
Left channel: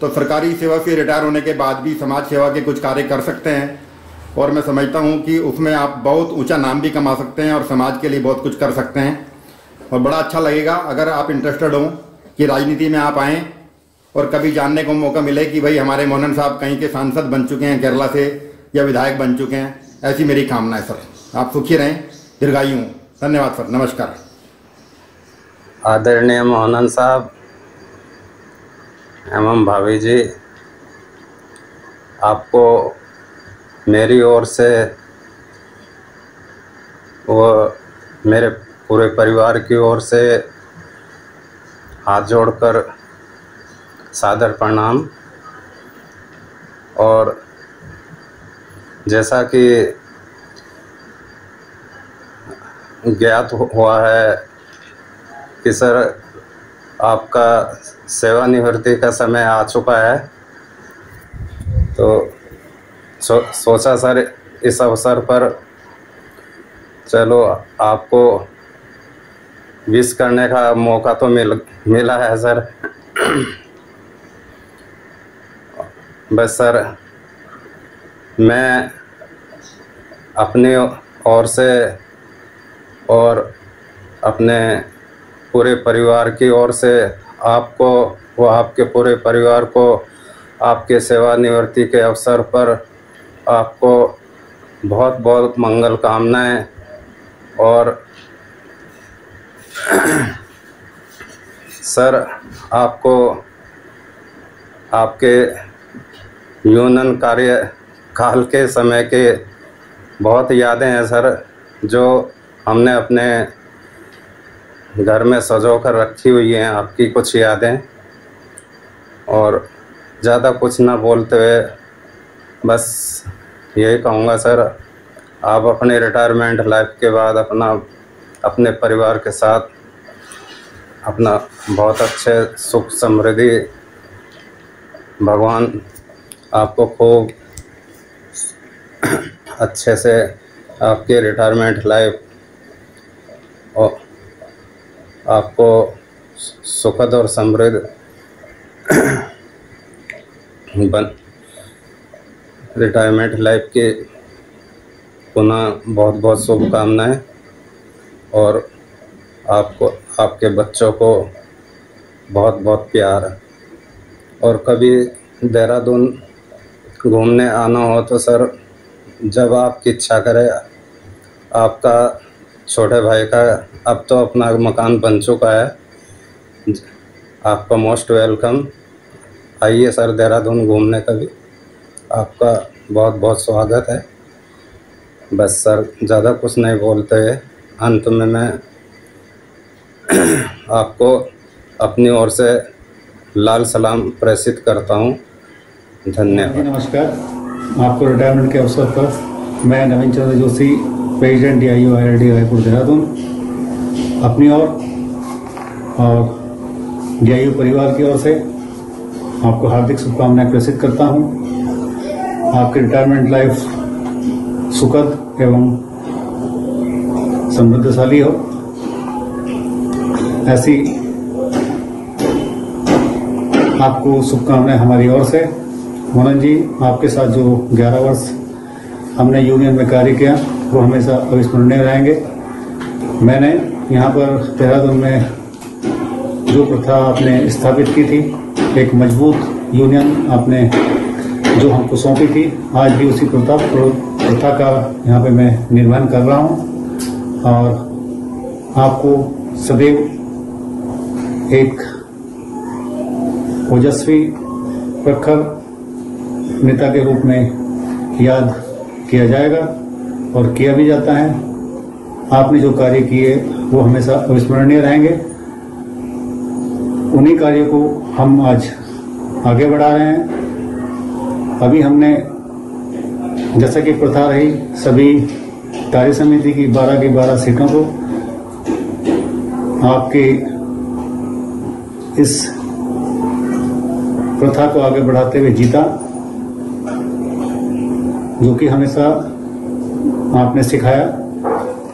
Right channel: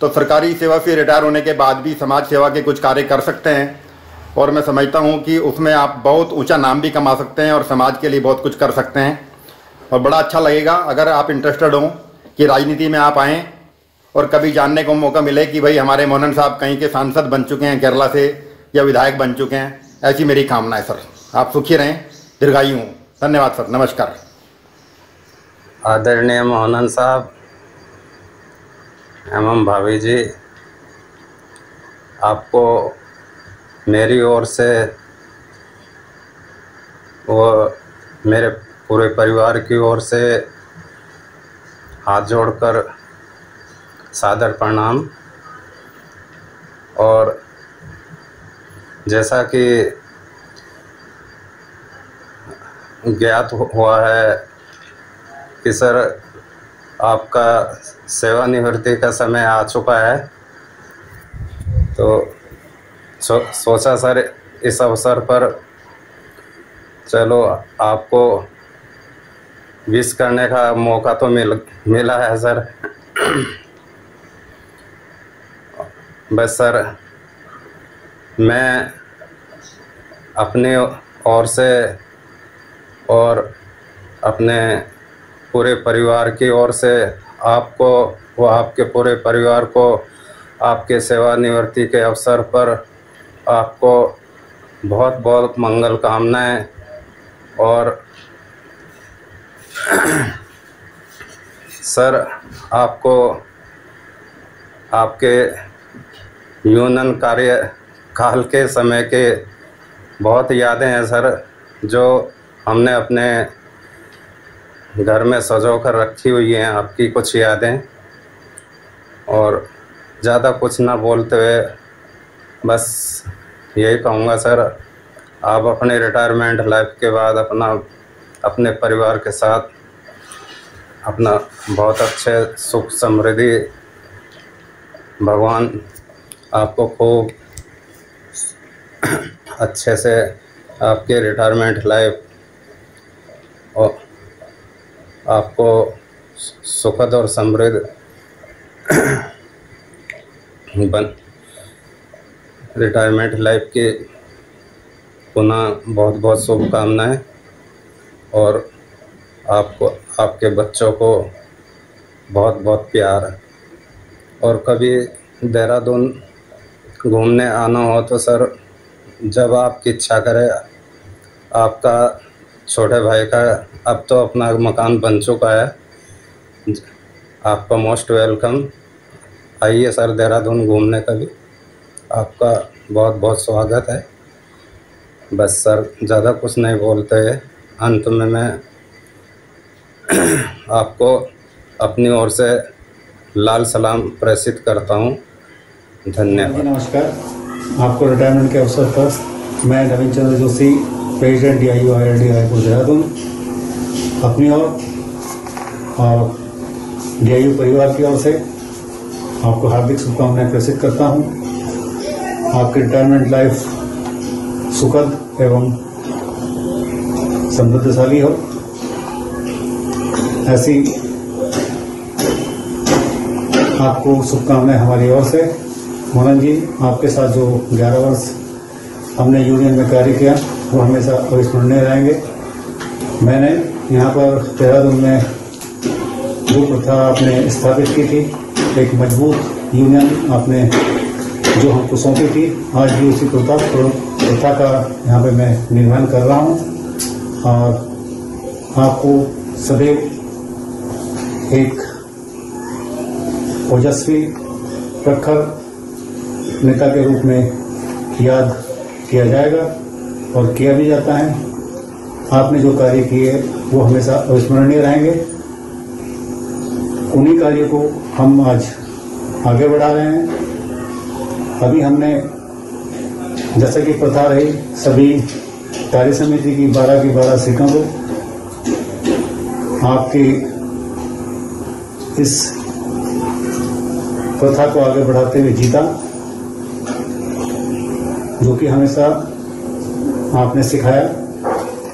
तो सरकारी सेवा से रिटायर होने के बाद भी समाज सेवा के कुछ कार्य कर सकते हैं और मैं समझता हूं कि उसमें आप बहुत ऊंचा नाम भी कमा सकते हैं और समाज के लिए बहुत कुछ कर सकते हैं। और बड़ा अच्छा लगेगा अगर आप इंटरेस्टेड हों कि राजनीति में आप आएँ और कभी जानने को मौका मिले कि भाई हमारे मोहनन साहब कहीं के सांसद बन चुके हैं केरला से या विधायक बन चुके हैं। ऐसी मेरी कामना है सर। आप सुखी रहें, दीर्घायु हों। धन्यवाद सर, नमस्कार। आदरणीय मोहनन साहब एवं भाभी जी, आपको मेरी ओर से व मेरे पूरे परिवार की ओर से हाथ जोड़कर सादर प्रणाम। और जैसा कि ज्ञात हुआ है कि सर आपका सेवानिवृत्ति का समय आ चुका है, तो सोचा सर इस अवसर पर चलो आपको विश करने का मौका तो मिला है सर। बस सर मैं अपनी ओर से और अपने पूरे परिवार की ओर से आपको व आपके पूरे परिवार को आपके सेवानिवृत्ति के अवसर पर आपको बहुत बहुत मंगल कामनाएं। और सर आपको आपके यूनियन कार्यकाल के समय के बहुत यादें हैं सर, जो हमने अपने घर में सजो कर रखी हुई हैं, आपकी कुछ यादें। और ज़्यादा कुछ ना बोलते हुए बस यही कहूँगा सर, आप अपने रिटायरमेंट लाइफ के बाद अपने परिवार के साथ अपना बहुत अच्छे सुख समृद्धि भगवान आपको खूब अच्छे से आपके रिटायरमेंट लाइफ और आपको सुखद और समृद्ध रिटायरमेंट लाइफ के पुनः बहुत बहुत शुभकामनाएं। और आपको आपके बच्चों को बहुत बहुत प्यार। और कभी देहरादून घूमने आना हो तो सर जब आपकी इच्छा करे, आपका छोटे भाई का अब तो अपना मकान बन चुका है, आपका मोस्ट वेलकम। आइए सर देहरादून घूमने का भी आपका बहुत बहुत स्वागत है। बस सर, ज़्यादा कुछ नहीं बोलते। अंत में मैं आपको अपनी ओर से लाल सलाम प्रेषित करता हूँ। धन्यवाद। नमस्कार। आपको रिटायरमेंट के अवसर पर मैं Naveen Chandra Joshi, president DIU IRD Raipur Dehradun, अपनी ओर और DIU परिवार की ओर से आपको हार्दिक शुभकामनाएं प्रेषित करता हूं। आपकी रिटायरमेंट लाइफ सुखद एवं समृद्धशाली हो, ऐसी आपको शुभकामनाएं हमारी ओर से। मोहन जी, आपके साथ जो 11 वर्ष हमने यूनियन में कार्य किया वो हमेशा अविस्मरणीय रहेंगे। मैंने यहाँ पर देहरादून में जो प्रथा आपने स्थापित की थी, एक मजबूत यूनियन आपने जो हमको सौंपी थी, आज भी उसी प्रथा का यहाँ पे मैं निर्वहन कर रहा हूँ और आपको सदैव एक ओजस्वी प्रखर नेता के रूप में याद किया जाएगा और किया भी जाता है। आपने जो कार्य किए वो हमेशा अविस्मरणीय रहेंगे। उन्हीं कार्यों को हम आज आगे बढ़ा रहे हैं। अभी हमने, जैसा कि प्रथा रही, सभी कार्य समिति की 12 सीटों को आपकी इस प्रथा को आगे बढ़ाते हुए जीता, जो कि हमेशा आपने सिखाया।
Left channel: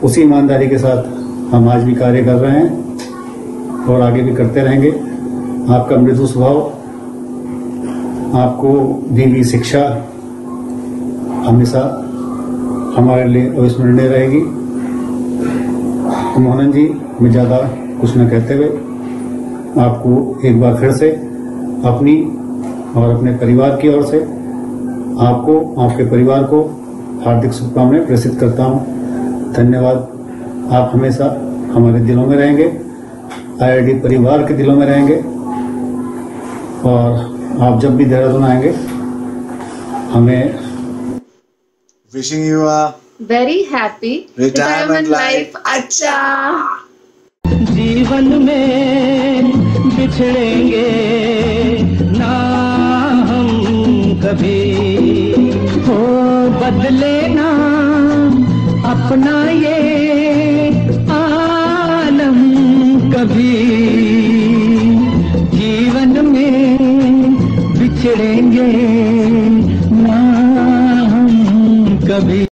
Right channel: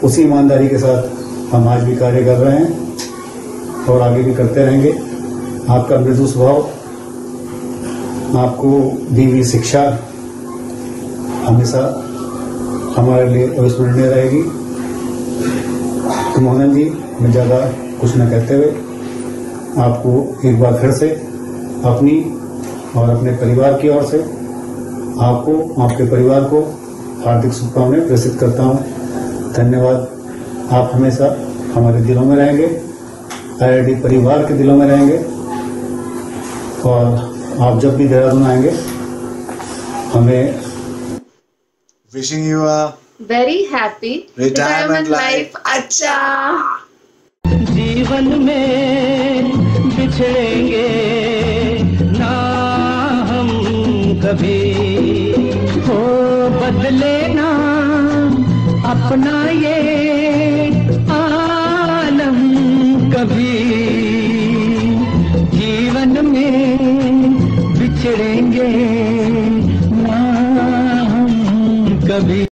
उसी ईमानदारी के साथ हम आज भी कार्य कर रहे हैं और आगे भी करते रहेंगे। आपका मृदु स्वभाव, आपको दी गई शिक्षा हमेशा हमारे लिए अविस्मरणीय रहेगी। तो मोहन जी, मैं ज़्यादा कुछ न कहते हुए आपको एक बार फिर से अपनी और अपने परिवार की ओर से आपको, आपके परिवार को हार्दिक शुभकामनाएं प्रेषित करता हूं। धन्यवाद। आप हमेशा हमारे दिलों में रहेंगे, IRD परिवार के दिलों में रहेंगे और आप जब भी देहरादून आएंगे हमें wishing you a very happy retirement life. अच्छा, जीवन में बिछड़ेंगे ना हम कभी, हो बदले ना अपना ये आलम कभी। जीवन में बिछड़ेंगे ना हम कभी।